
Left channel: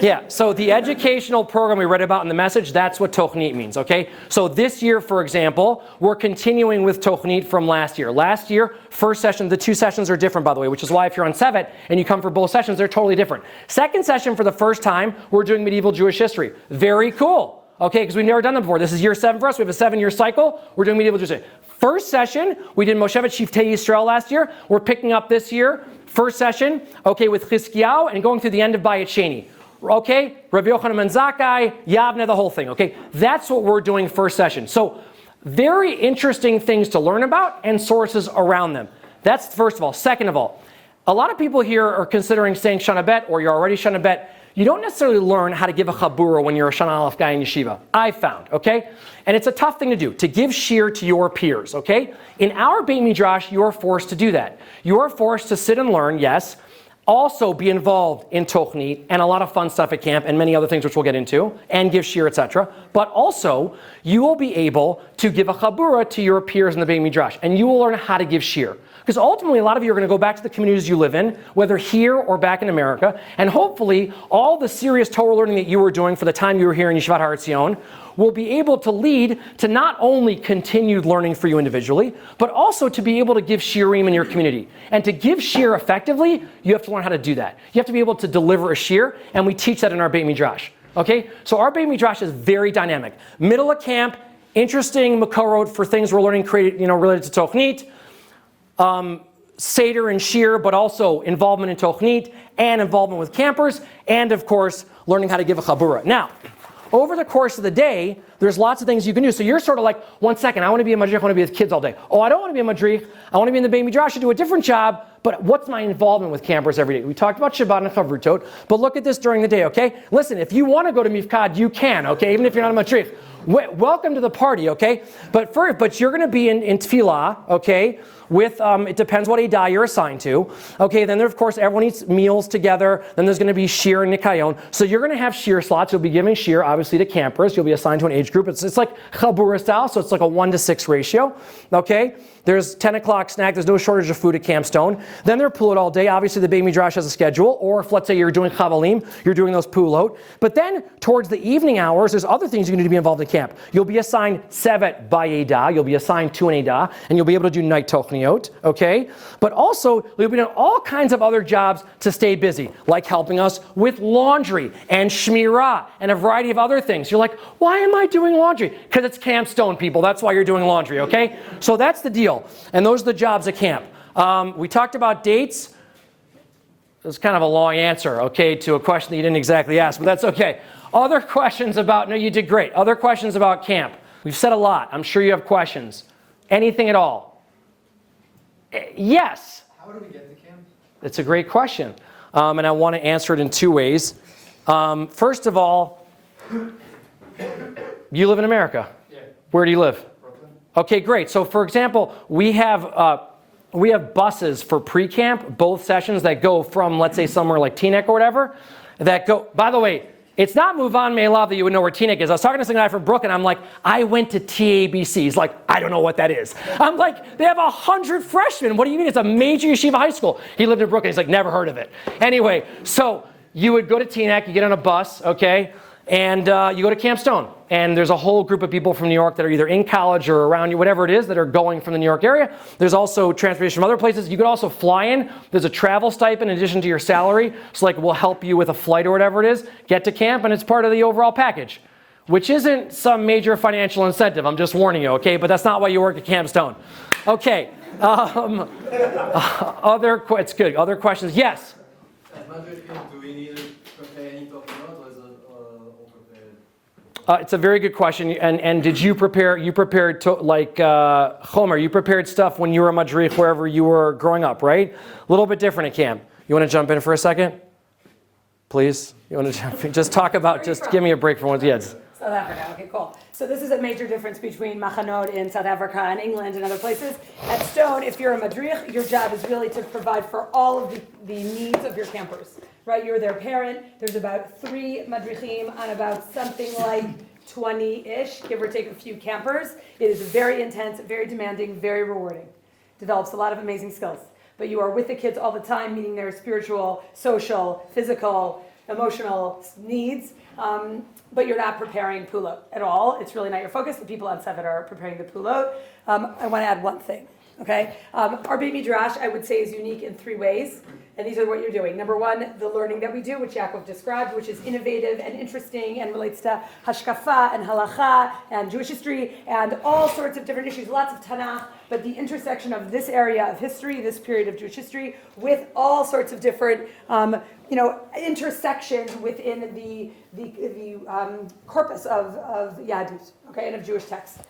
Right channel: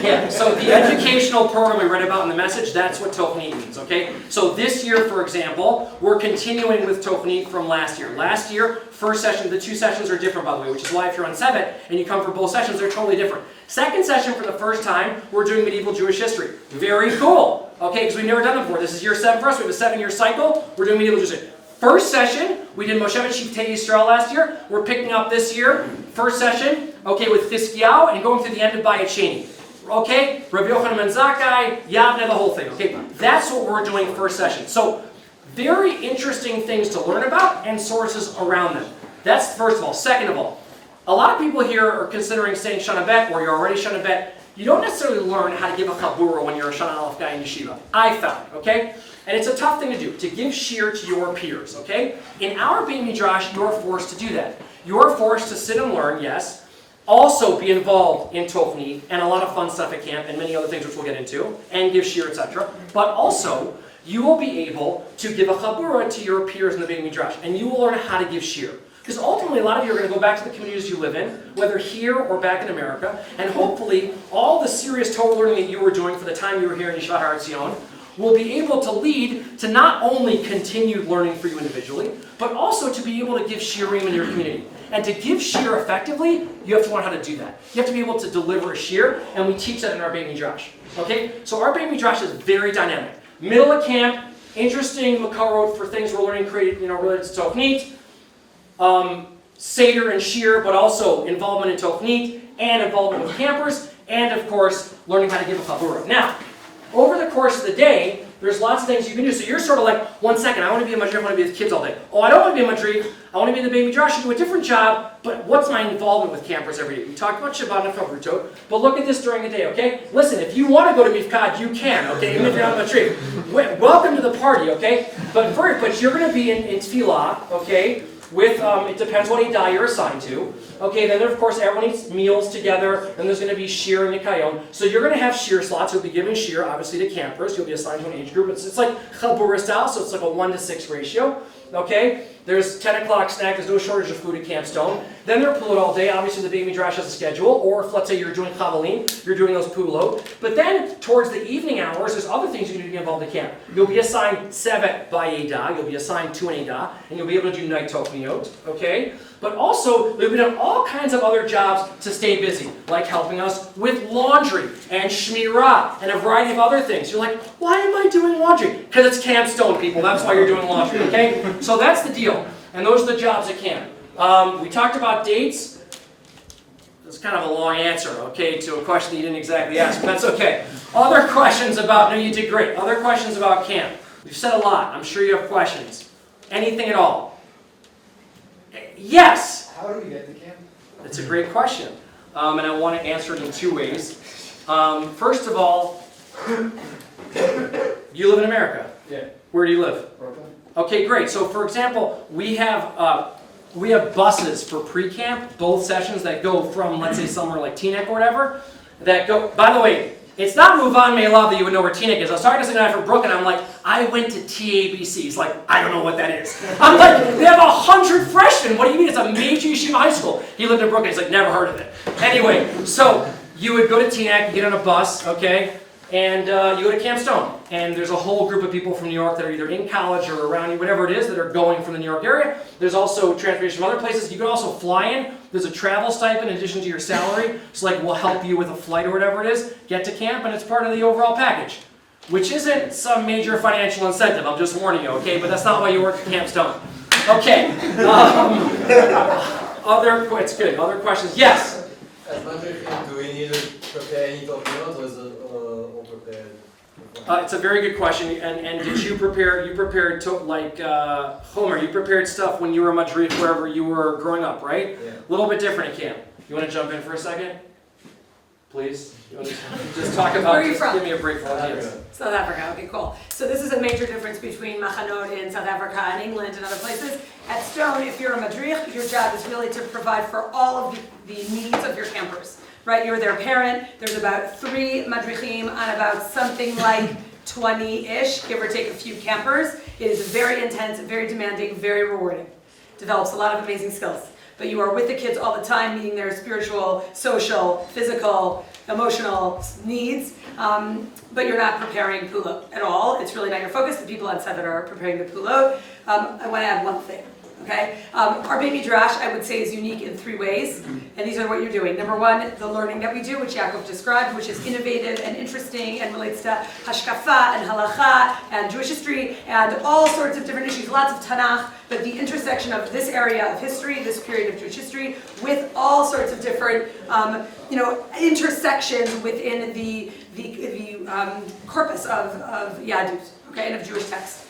Yeah, so the educational program we read about in the message, that's what Tochnit means, okay? So this year, for example, we're continuing with Tochnit from last year. Last year, first session, the two sessions are different, by the way, which is why if you're on Tzevet and you come for both sessions, they're totally different. Second session, for the first time, we're doing medieval Jewish history. Very cool, okay, because we've never done them before. This is year 7 for us. We have a 7-year cycle. We're doing medieval Jewish history. First session, we did Moshevet Shiftei Yisrael last year. We're picking up this year, first session, okay, with Chizkiyahu and going through the end of Bayit Sheni. Okay, Rabbi Yochanan ben Zakkai, Yavne, the whole thing, okay? That's what we're doing first session. So, very interesting things to learn about and sources around them. That's first of all. Second of all, a lot of people here are considering saying Shana Bet, or you're already Shana Bet. You don't necessarily learn how to give a chabura when you're a Shana Aleph guy in yeshiva. I found, okay? And it's a tough thing to do, to give shir to your peers, okay? In our Beit Midrash, you're forced to do that. You're forced to sit and learn, yes, also be involved in Tochni and a lot of fun stuff at camp and many other things which we'll get into, and give shir, etc. But also, you will be able to give a chabura to your peers in the Beit Midrash, and you will learn how to give shir. Because ultimately, a lot of you are going to go back to the communities you live in, whether here or back in America, and hopefully, all the serious Torah learning that you were doing for the time you were here in Yeshivat Etzion will be able to lead to not only continued learning for you individually, but also to be able to give shirim in your community. And to give shir effectively, you have to learn how to do that. You have to be able to deliver a shir, and we teach that in our Beit Midrash. Okay? So our Beit Midrash is very dynamic. Middle of camp, interesting makorot for things we're learning related to Tochnit, Seder and Shir, but also involvement in Tochnit and involvement with campers, and of course, learning how to give a chabura. Now, over the course of the day, there's lots of things you can do. So you're sort of like, 1 second, I want to be a madrich, I want to be with kids all day. Oh, I don't want to be a madrich, I want to be in the Beit Midrash, I do a different job, but what's my involvement with campers every day? We talked about Shabbat and Chavrutot, but look at this during the day, okay? Listen, if you want to go to Mifkad, you can, okay? Even if you're not a madrich. Welcome to the party, okay? But you're going to be in Tefillah, okay? With, it depends what Eidah you're assigned to. Okay, then of course everyone eats meals together. Then there's going to be shir and nikayon. So you're going to have shir slots. You'll be giving shir, obviously, to campers. You'll be assigned to an age group. It's like chabura style, so it's like a 1-to-6 ratio. Okay, there's 10 o'clock snack. There's no shortage of food at Camp Stone. Then they're pulot all day. Obviously, the Beit Midrash has a schedule. Or if, let's say, you're doing chavalim, you're doing those pulot. But then, towards the evening hours, there's other things you need to be involved at camp. You'll be assigned Tzevet by Eidah. You'll be assigned to an Eidah. And you'll be able to do night tochniot. Okay? But also, you'll be doing all kinds of other jobs to stay busy, like helping us with laundry and shmirah and a variety of other things. You're like, why am I doing laundry? Because it's Camp Stone, people. That's why you're doing laundry, okay? So that's the deal. And those are the jobs at camp. We talked about dates. That's kind of a long answer, okay, to a question that you didn't exactly ask, but that's okay. Other questions about, no, you did great. Other questions about camp. We've said a lot. I'm sure you have questions. Anything at all? Yes. How do we get to camp? It's a great question. And I want to answer it in 2 ways. First of all, you live in America. Yeah. Where do you live? Brooklyn. Okay, great. So for example, we have buses for pre-camp, both sessions that go from, let's say, somewhere like Teaneck or whatever, that go, by the way, it's not Muvan Me'elav that you would know where Teaneck is. I was talking to some guy from Brooklyn, I'm like, I went to TABC. He's like, I don't know what that is. I'm like, they have 100 freshmen. What do you mean? It's a major yeshiva high school. He lived in Brooklyn. He's like, never heard of it. Anyway, so you would go to Teaneck, you get on a bus, okay, and you go to Camp Stone. And there's a whole group of people from New York that are either in college or around you, whatever it is, that are going from the New York area. There's also transportation from other places. You can also fly in. There's a travel stipend in addition to your salary. So like we'll help you with a flight or whatever it is, get to camp, and it's part of the overall package. Which isn't some major financial incentive, I'm just warning you, okay? But that's not why you work at Camp Stone. Okay. It's good. Other questions? Yes? As madrichim, do we need to prepare any document or is it all prepared? It's a very good question. And did you prepare? You prepared Homer. You prepared stuff when you were a madrich wherever you were growing up, right? Yeah. A little bit different at camp. You want to jump in for a second, please? You want to jump in? Just talk about? Where are you Just from? give me a break for once. Yes. South Africa, okay, cool. So this is a major difference between machanot in South Africa and England and other places. At Stone, if you're a madrich, your job is really to provide for all of the needs of your campers, right? You're their parent. There's about 3 madrichim on about something like 20-ish, give or take a few campers. It is very intense, very demanding, very rewarding. Develops a lot of amazing skills. But you are with the kids all the time, meeting their spiritual, social, physical, emotional needs. But you're not preparing pulot at all. It's really not your focus. The people on Tzevet are preparing the pulot. I want to add one thing, okay? Our Beit Midrash, I would say, is unique in 3 ways. And these are what you're doing. Number 1, the learning that we do, which Yaakov described, which is innovative and interesting and relates to hashkafa and halacha and Jewish history and all sorts of different issues, lots of Tanakh, but the intersection of this area of history, this period of Jewish history, with all sorts of different intersections within the corpus of Yadut, okay, and of Jewish text.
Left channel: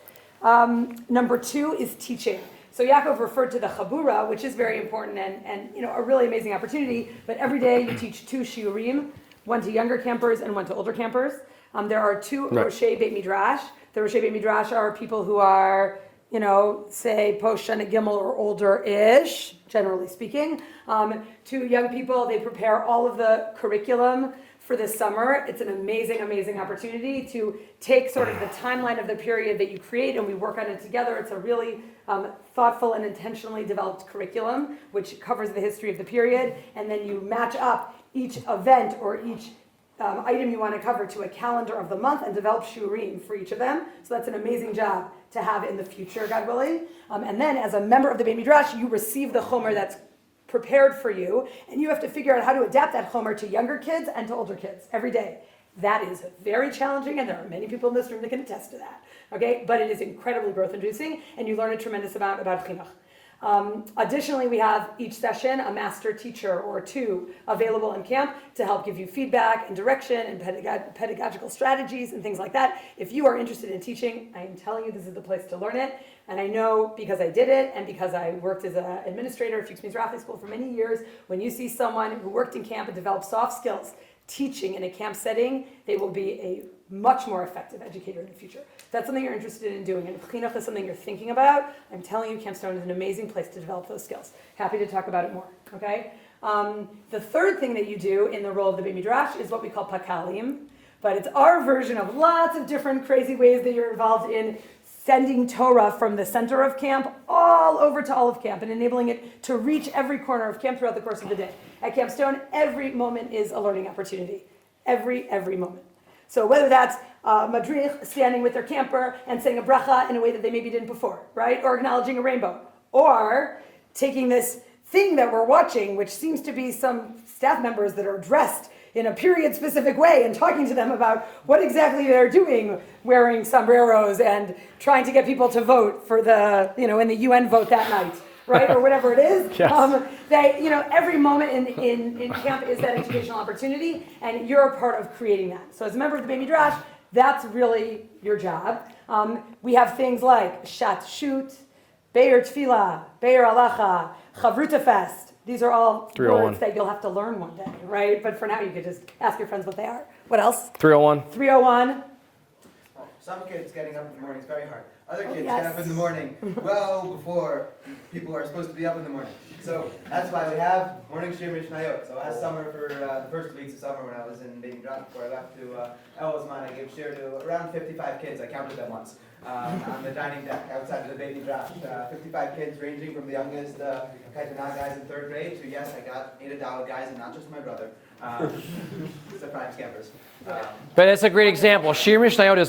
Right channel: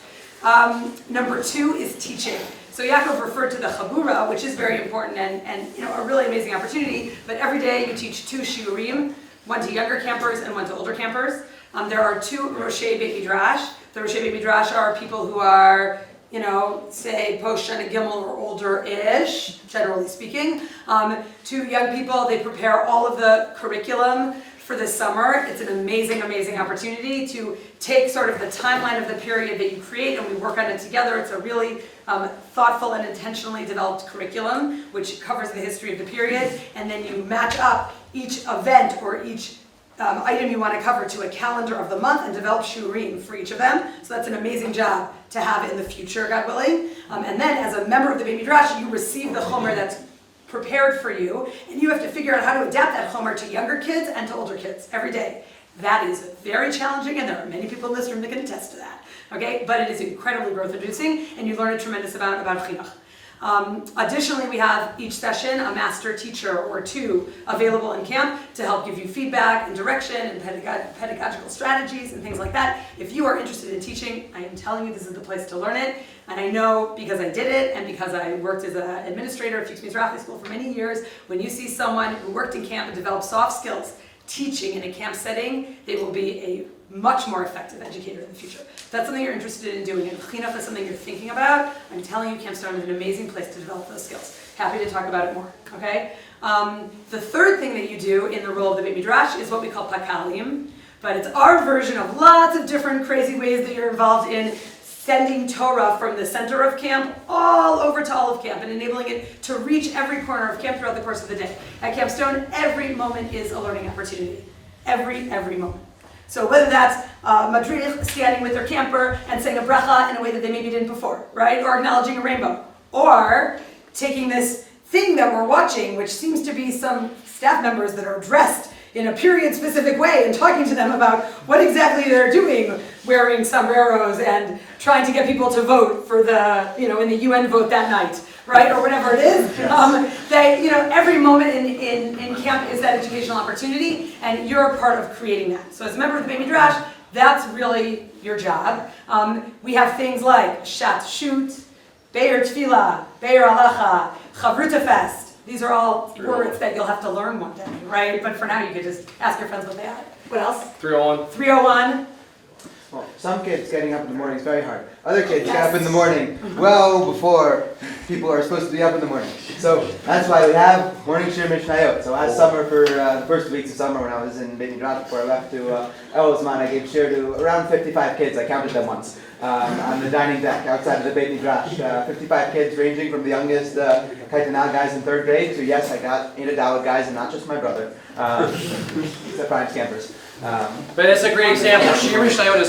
Number 2 is teaching. So Yaakov referred to the chabura, which is very important and a really amazing opportunity. But every day you teach 2 shiurim, one to younger campers and one to older campers. There are 2 Roshei Beit Midrash. The Roshei Beit Midrash are people who are, say post Shana Gimel or older-ish, generally speaking. 2 young people, they prepare all of the curriculum for the summer. It's an amazing, amazing opportunity to take sort of the timeline of the period that you create and we work on it together. It's a really thoughtful and intentionally developed curriculum which covers the history of the period, and then you match up each event or each item you want to cover to a calendar of the month and develop shurim for each of them. So that's an amazing job to have in the future, God willing. And then as a member of the Beit Midrash, you receive the chomer that's prepared for you, and you have to figure out how to adapt that chomer to younger kids and to older kids every day. That is very challenging, and there are many people in this room that can attest to that. Okay, but it is incredibly growth-inducing, and you learn a tremendous amount about chinuch. Additionally, we have each session a master teacher or 2 available in camp to help give you feedback and direction and pedagogical strategies and things like that. If you are interested in teaching, I am telling you this is the place to learn it. And I know because I did it and because I worked as an administrator at Fuchs Mizrahi School for many years, when you see someone who worked in camp and developed soft skills teaching in a camp setting, they will be a much more effective educator in the future. If that's something you're interested in doing, and if chinuch is something you're thinking about, I'm telling you, Camp Stone is an amazing place to develop those skills. Happy to talk about it more, okay? The third thing that you do in the role of the Beit Midrash is what we call pakalim, but it's our version of lots of different crazy ways that you're involved in sending Torah from the center of camp all over to all of camp and enabling it to reach every corner of camp throughout the course of the day. At Camp Stone, every moment is a learning opportunity. Every moment. So whether that's madrich standing with their camper and saying a bracha in a way that they maybe didn't before, right? Or acknowledging a rainbow. Or taking this thing that we're watching, which seems to be some staff members that are dressed in a period-specific way and talking to them about what exactly they're doing, wearing sombreros and trying to get people to vote for the, in the UN vote that night, right, or whatever it is. Yes. Every moment in camp is that educational opportunity, and you're a part of creating that. So as a member of the Beit Midrash, that's really your job. We have things like Shat Shoot, Be'er Tefillah, Be'er Halacha, Chavruta Fest. These are all words that you'll have to learn one day, right? But for now, you could just ask your friends what they are. What else? 301. 301. Well, some kids getting up in the morning is very hard. Other kids get up in the morning well before people are supposed to be up in the morning. So that's why we have morning shir mishnayot. So last summer, for the first weeks of summer when I was in Beit Midrash before I left to Elzman, I gave shir to around 55 kids. I counted them once. On the dining deck outside of the Beit Midrash. 55 kids ranging from the youngest Kaitana guys in 3rd grade to, yes, I got Ada Dalit guys and not just my brother. Except Brian's campers. But it's a great example. Shir Mishnayot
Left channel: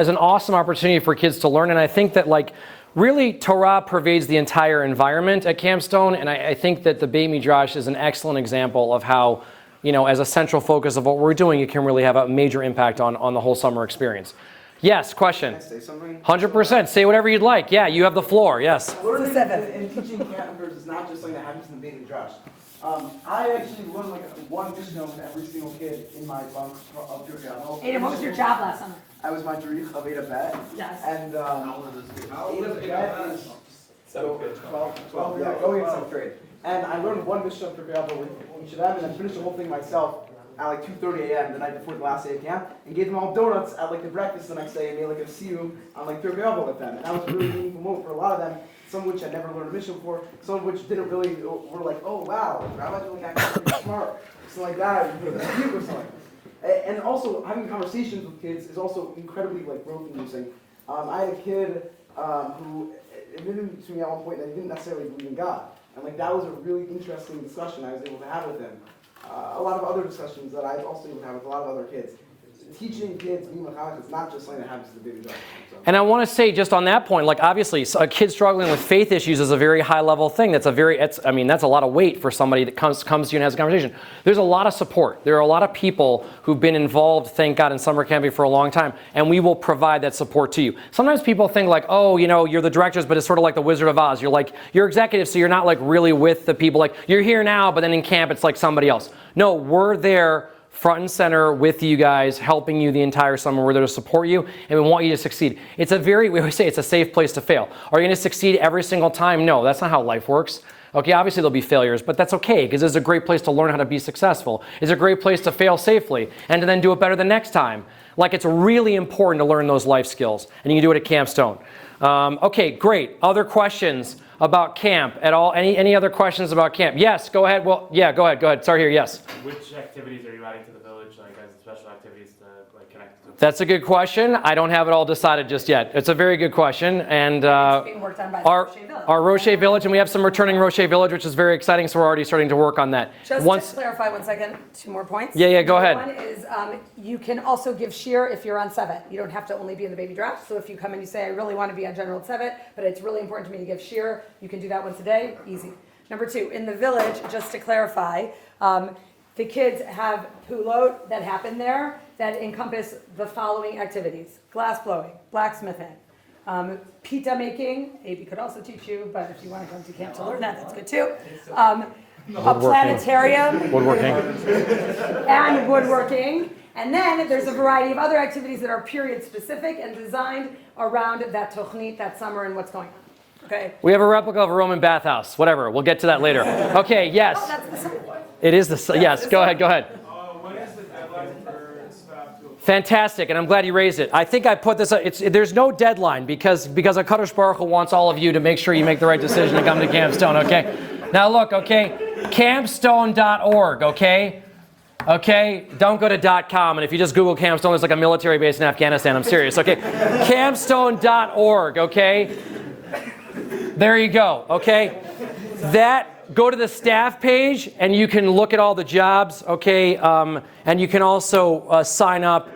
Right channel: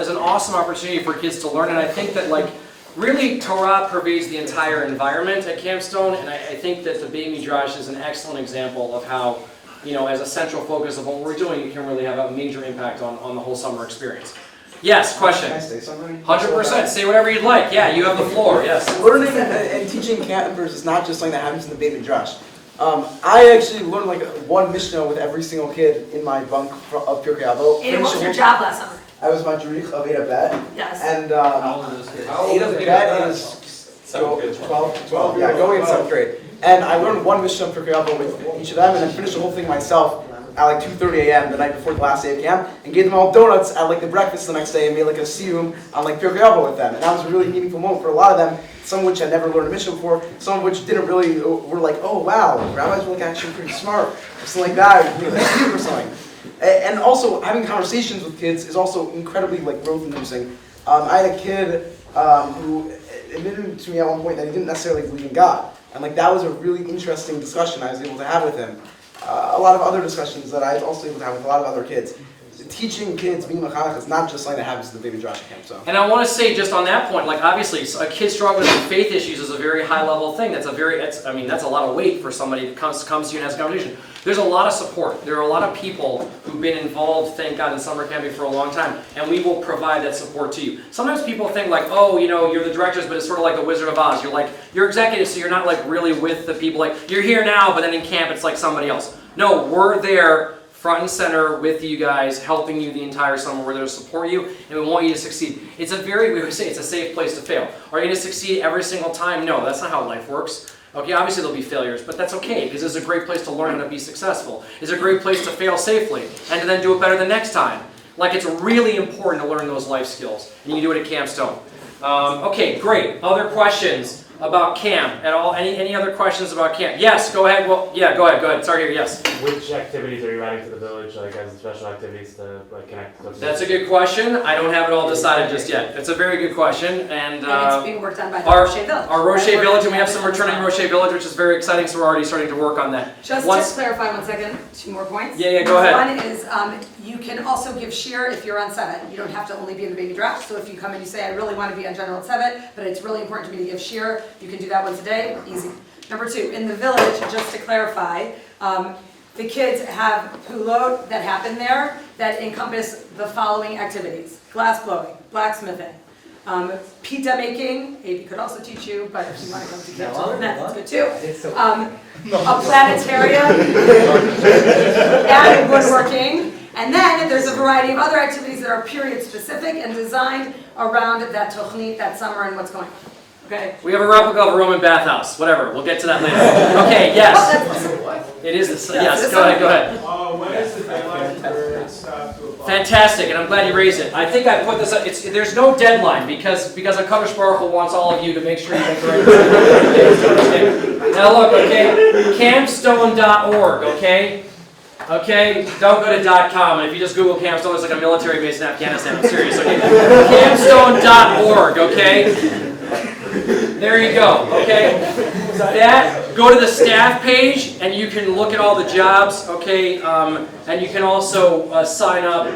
is an awesome opportunity for kids to learn, and I think that really Torah pervades the entire environment at Camp Stone, and I think that the Beit Midrash is an excellent example of how, as a central focus of what we're doing, it can really have a major impact on the whole summer experience. Yes, question. Can I say something? 100%. Say whatever you'd like. Yeah, you have the floor. Yes. Learning and teaching campers is not just something that happens in the Beit Midrash. I actually learned one Mishnah with every single kid in my bunk of Pirkei Avot. Ada, what was your job last summer? I was madrich of Ada Bet. Yes. And How old is this kid? Ada Bet is 12, yeah, going in 7th grade. And I learned one Mishnah of Pirkei Avot with each of them, and then finished the whole thing myself at 2:30 a.m. the night before the last day of camp, and gave them all donuts at the breakfast the next day, and made a siyum on Pirkei Avot with them. And that was a really meaningful moment for a lot of them. Some of which had never learned a Mishnah before, some of which didn't really, were oh wow, rabbis were actually pretty smart, or something like that, or something. And also, having conversations with kids is also incredibly growth-inducing. I had a kid who admitted to me at one point that he didn't necessarily believe in God. And that was a really interesting discussion I was able to have with him. A lot of other discussions that I was also able to have with a lot of other kids. Teaching kids being mechanech is not just something that happens in the Beit Midrash camp. So. And I want to say just on that point, obviously, a kid struggling with faith issues is a very high level thing. That's a lot of weight for somebody that comes to you and has a conversation. There's a lot of support. There are a lot of people who've been involved, thank God, in summer camping for a long time, and we will provide that support to you. Sometimes people think you're the directors, but it's sort of like the Wizard of Oz. You're executive, so you're not really with the people. You're here now, but then in camp it's somebody else. No, we're there front and center with you guys, helping you the entire summer. We're there to support you, and we want you to succeed. It's we always say it's a safe place to fail. Are you going to succeed every single time? No, that's not how life works. Okay, obviously there'll be failures, but that's okay, because it's a great place to learn how to be successful. It's a great place to fail safely, and to then do it better the next time. Like, it's really important to learn those life skills, and you can do it at Camp Stone. Okay, great. Other questions about camp at all? Any other questions about camp? Yes, go ahead. Well, yeah, go ahead. Sorry here, yes. Which activities are you adding to the village, like as special activities to like connect? That's a good question. I don't have it all decided just yet. It's a very good question, and it's being worked on by the our Roche Village. our Roche Village, and we have some returning Roche Village, which is very exciting. So we're already starting to work on that. Just to clarify 1 second, 2 more points. Yeah, go ahead. One is you can also give shir if you're on Tzevet. You don't have to only be in the Beit Midrash. So if you come and you say, I really want to be on General Tzevet, but it's really important to me to give shir, you can do that once a day, easy. Number 2, in the village, just to clarify, the kids have pulot that happen there that encompass the following activities: glass blowing, blacksmithing, pita making. Amy could also teach you, but if you want to come to Camp Stone, that's good too. A planetarium and woodworking. And then there's a variety of other activities that are period specific and designed around that tochnit, that summer, and what's going on. Okay. We have a replica of a Roman bathhouse. Whatever. We'll get to that later. Okay. Yes. It is the. Yes. Go ahead. When is the deadline for staff to apply? Fantastic, and I'm glad you raised it. I think I put this up. There's no deadline because HaKadosh Baruch Hu wants all of you to make sure you make the right decision to go to Campstone. Okay. Now look. Okay. Campstone.org. Okay. Okay, don't go to .com, and if you just Google Campstone, there's like a military base in Afghanistan. I'm serious, okay? Campstone.org, okay? There you go, okay? Go to the staff page, and you can look at all the jobs, okay? And you can also sign up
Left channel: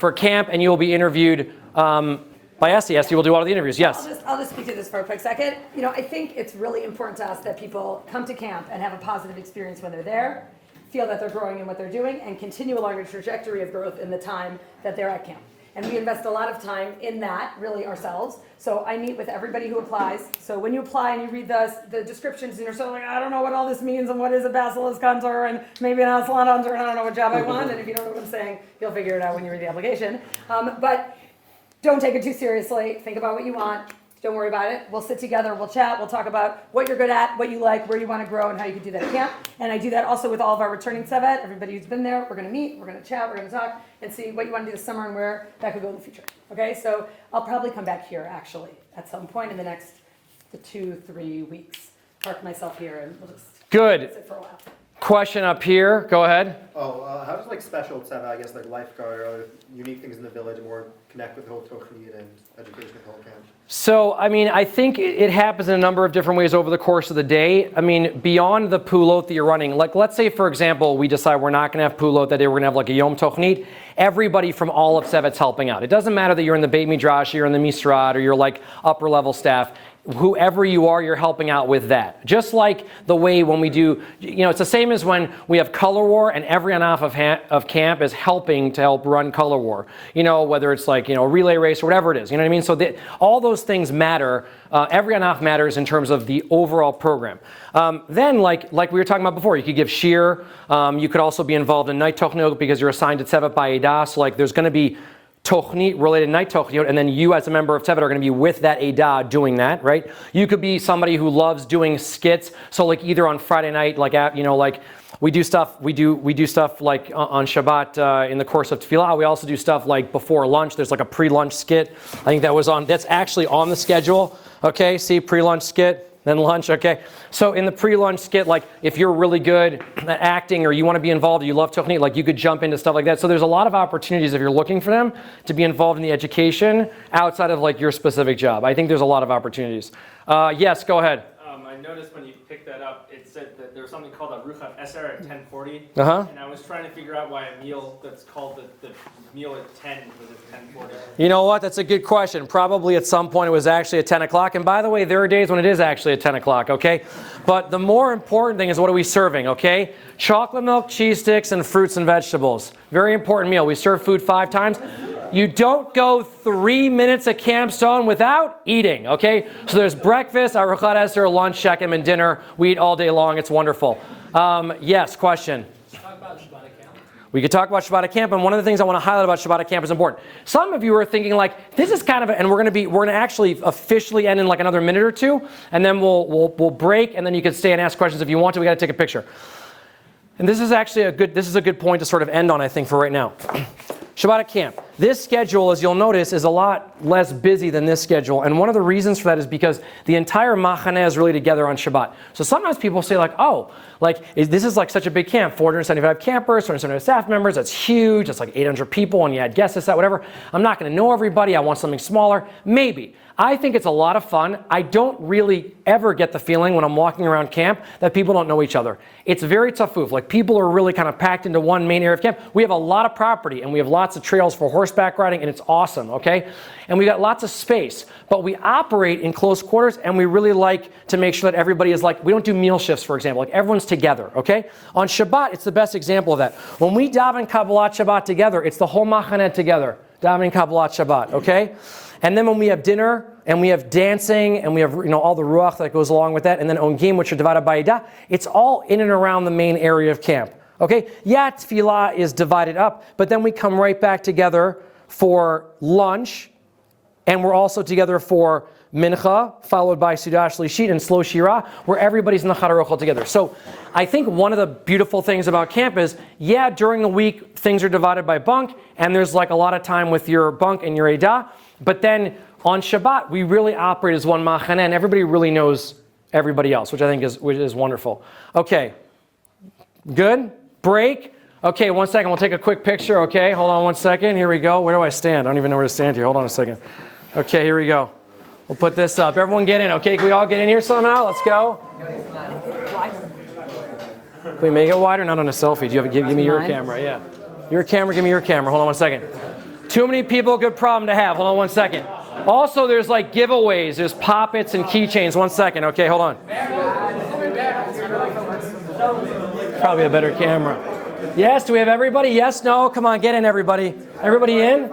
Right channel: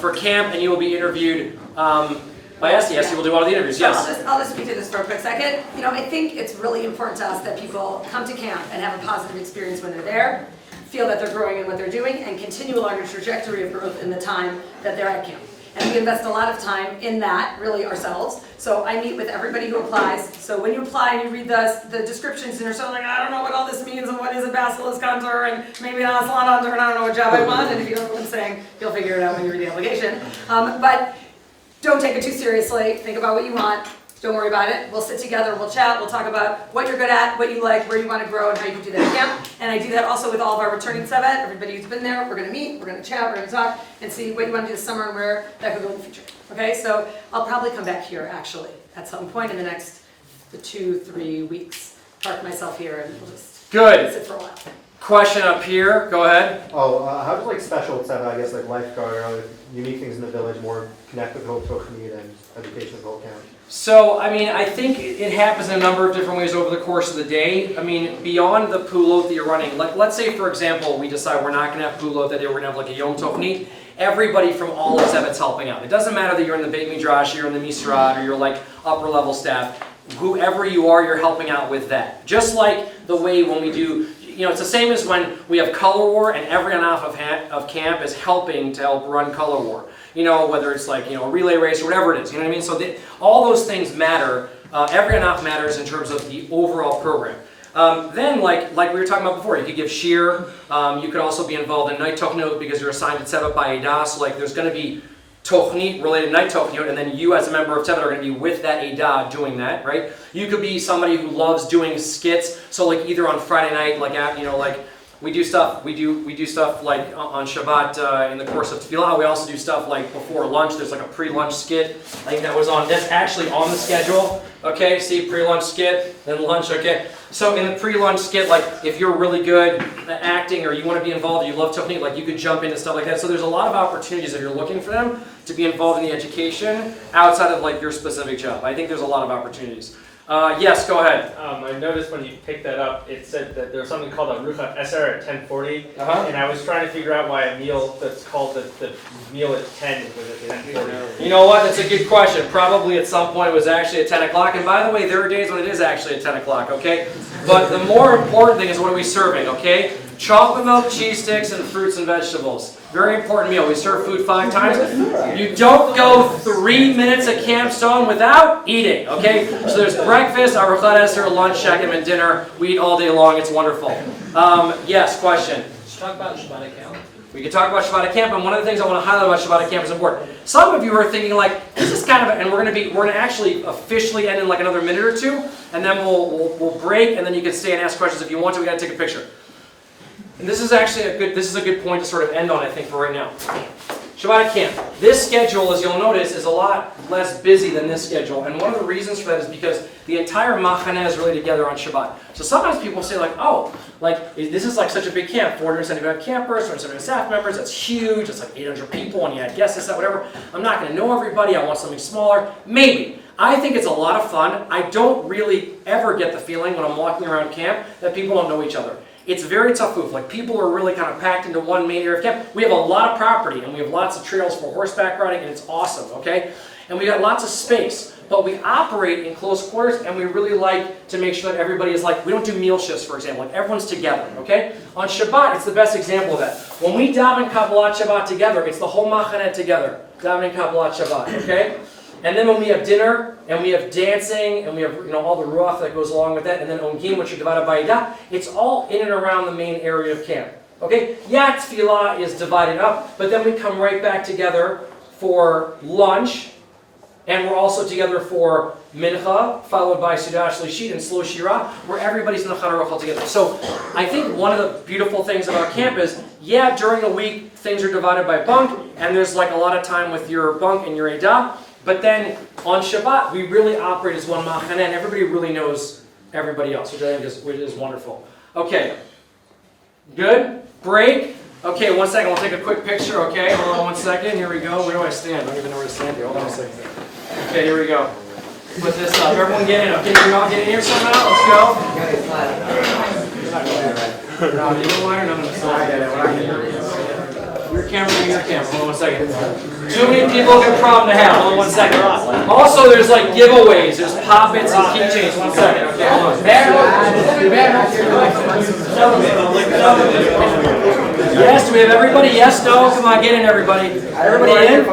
for camp, and you will be interviewed by us. Yes, you will do all the interviews, yes. I'll just speak to this for a quick second. You know, I think it's really important to us that people come to camp and have a positive experience when they're there, feel that they're growing in what they're doing, and continue along a trajectory of growth in the time that they're at camp. And we invest a lot of time in that, really, ourselves. So I meet with everybody who applies. So when you apply and you read the descriptions, and you're sort of like, I don't know what all this means, and what is a basilisk hunter, and maybe an aslan hunter, and I don't know what job I want. And if you don't know what I'm saying, you'll figure it out when you read the application. But don't take it too seriously. Think about what you want. Don't worry about it. We'll sit together, we'll chat, we'll talk about what you're good at, what you like, where you want to grow, and how you can do that at camp. And I do that also with all of our returning Tzevet. Everybody who's been there, we're going to meet, we're going to chat, we're going to talk, and see what you want to do this summer and where that could go in the future. Okay, so I'll probably come back here, actually, at some point in the next 2-3 weeks. Park myself here, and we'll just sit for a while. Question up here, go ahead. How does like special Tzevet, I guess like lifeguard or other unique things in the village more connect with Hope Tochnit and education of Hope Camp? So, I mean, I think it happens in a number of different ways over the course of the day. I mean, beyond the pulot that you're running, like let's say, for example, we decide we're not going to have pulot that day, we're going to have like a Yom Tochnit. Everybody from all of Tzevet's helping out. It doesn't matter that you're in the Beit Midrash, you're in the Misrad, or you're like upper level staff. Whoever you are, you're helping out with that. Just like the way when we do, it's the same as when we have Color War and every on-off of camp is helping to help run Color War. Whether it's like, a relay race or whatever it is, you know what I mean? So all those things matter. Every on-off matters in terms of the overall program. Then, like we were talking about before, you could give shir. You could also be involved in night tochnot because you're assigned to Tzevet by Edah. So like there's going to be Tochnit related night Tochnot, and then you as a member of Tzevet are going to be with that Edah doing that, right? You could be somebody who loves doing skits, so like either on Friday night, like we do stuff like on Shabat in the course of Tefillah. We also do stuff like before lunch. There's like a pre-lunch skit. I think that's actually on the schedule. Okay, see, pre-lunch skit, then lunch. Okay. So in the pre-lunch skit, like if you're really good at acting or you want to be involved, you love Tochnit, like you could jump into stuff like that. So there's a lot of opportunities if you're looking for them to be involved in the education outside of like your specific job. I think there's a lot of opportunities. Yes, go ahead. I noticed when you picked that up, it said that there's something called a Ruchat Eser at 10:40, and I was trying to figure out why a meal that's called the meal at 10 was at 10:40. You know what? That's a good question. Probably at some point it was actually at 10 o'clock. And by the way, there are days when it is actually at 10 o'clock, okay? But the more important thing is what are we serving, okay? Chocolate milk, cheese sticks, and fruits and vegetables. Very important meal. We serve food 5 times. You don't go 3 minutes at Camp Stone without eating, okay? So there's breakfast, arochat eser, lunch, shekem, and dinner. We eat all day long. It's wonderful. Yes, question? Talk about Shabbat account. We could talk about Shabbat at camp, and one of the things I want to highlight about Shabbat at camp is important. Some of you are thinking like, this is kind of, and we're gonna actually officially end in like another minute or two, and then we'll break, and then you can stay and ask questions if you want to. We got to take a picture. And this is actually a good point to sort of end on, I think, for right now. Shabbat at camp. This schedule, as you'll notice, is a lot less busy than this schedule. And one of the reasons for that is because the entire machaneh is really together on Shabbat. So sometimes people say like, oh, this is like such a big camp, 475 campers, 475 staff members, that's huge, that's like 800 people, and you had guests, that, whatever. I'm not going to know everybody, I want something smaller. Maybe. I think it's a lot of fun. I don't really ever get the feeling when I'm walking around camp that people don't know each other. It's very tough. Like people are really kind of packed into one main area of camp. We have a lot of property and we have lots of trails for horseback riding and it's awesome, okay? And we got lots of space, but we operate in close quarters and we really like to make sure that everybody is like, we don't do meal shifts, for example, like everyone's together, okay? On Shabbat, it's the best example of that. When we daven Kabbalat Shabbat together, it's the whole machaneh together, davening Kabbalat Shabbat, okay? And then when we have dinner, and we have dancing, and we have all the ruach that goes along with that, and then ongim, which are divided by Idah, it's all in and around the main area of camp. Okay? Yeah, tefillah is divided up, but then we come right back together for lunch, and we're also together for mincha, followed by Sudah Shlishit and slow shira, where everybody's in the Chana Aruch together. So I think one of the beautiful things about camp is, yeah, during the week, things are divided by bunk, and there's like a lot of time with your bunk and your Idah. But then on Shabbat, we really operate as one machaneh, and everybody really knows everybody else, which I think is wonderful. Okay, good? Break? Okay, 1 second, we'll take a quick picture, okay? Hold on 1 second, here we go. Where do I stand? I don't even know where to stand here. Hold on a second. Okay, here we go. We'll put this up. Everyone get in, okay? We all get in here somehow? Let's go. Okay, make it wider, not on a selfie. Give me your camera, yeah. Your camera, give me your camera. Hold on 1 second. Too many people, good problem to have. Hold on 1 second. Also, there's like giveaways. There's pop-its and keychains. 1 second. Okay, hold on. Yes, do we have everybody? Yes, no? Come on, get in, everybody. Everybody in?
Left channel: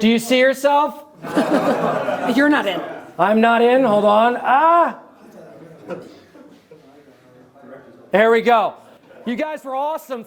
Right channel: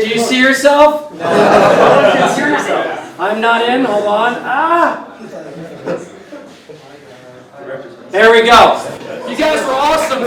Do you see yourself? You're not in. I'm not in. Hold on. Ah! There we go. You guys were awesome.